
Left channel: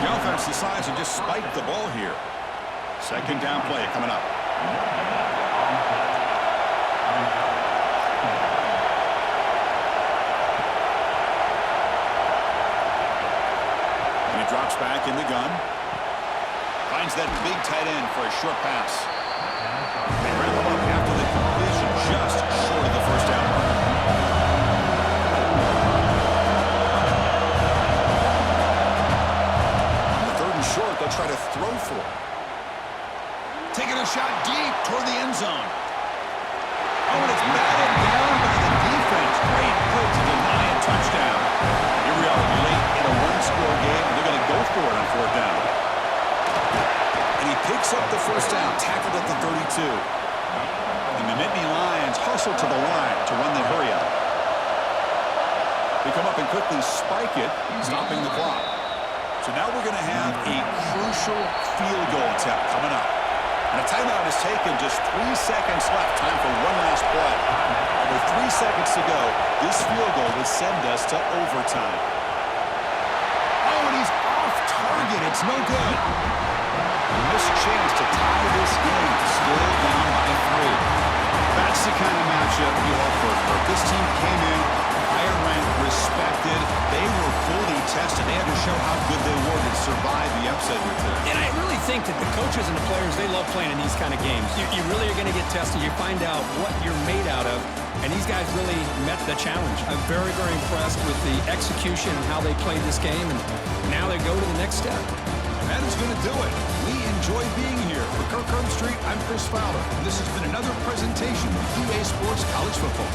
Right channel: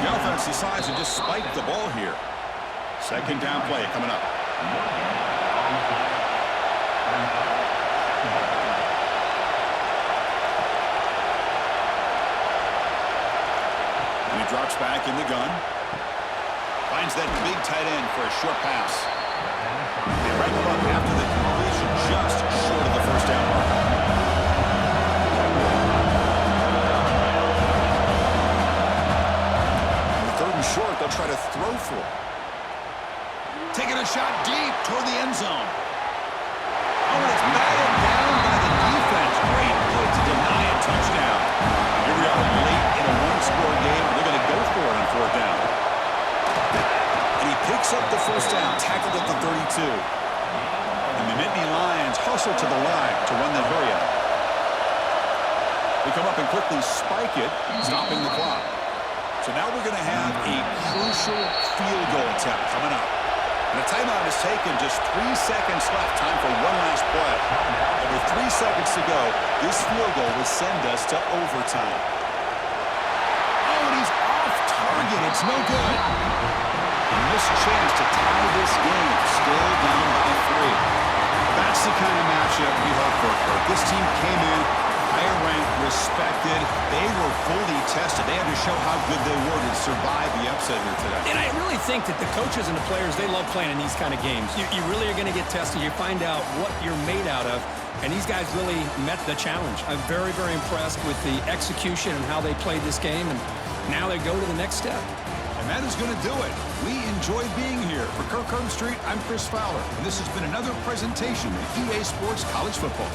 The offense decides to just spike the ball here. 2nd down play coming up. And he drops back in the gun. Finds that big tight end for a short pass. They wrap him up after the completion, just short of the 1st down marker. The 3rd and short, they'll try to throw for. Taking a shot deep toward the end zone. Oh, and it's batted down by the defense. Great play to deny a touchdown. Here we are late in a 1-score game, and they're going to go for it on 4th down. And he picks up the 1st down, tackled at the 32. And the Nittany Lions hustle to the line to run the hurry up. They come up and quickly spike it, stopping the clock. So now we're going to have a crucial field goal attempt coming up. And a timeout is taken, just 3 seconds left. Time for one last play. And with 3 seconds to go, this field goal would send us to overtime. Oh, and he's off target. It's no good. A missed chance to tie this game, still down by 3. That's the kind of matchup you hope for, Kirk. This team came in higher ranked, respected. They were fully tested. They had to show how good they were to survive the upset here today. And I really think that the coaches and the players, they love playing in these kind of games. You really are going to get tested. You find out what you're made out of. And these guys really met the challenge. I'm very, very impressed with the execution and how they played this game. And now they go to the next step. And that is going to do it. We enjoy being here. For Kirk Street, I'm Chris Fowler. And this has been another presentation of EA Sports College Football.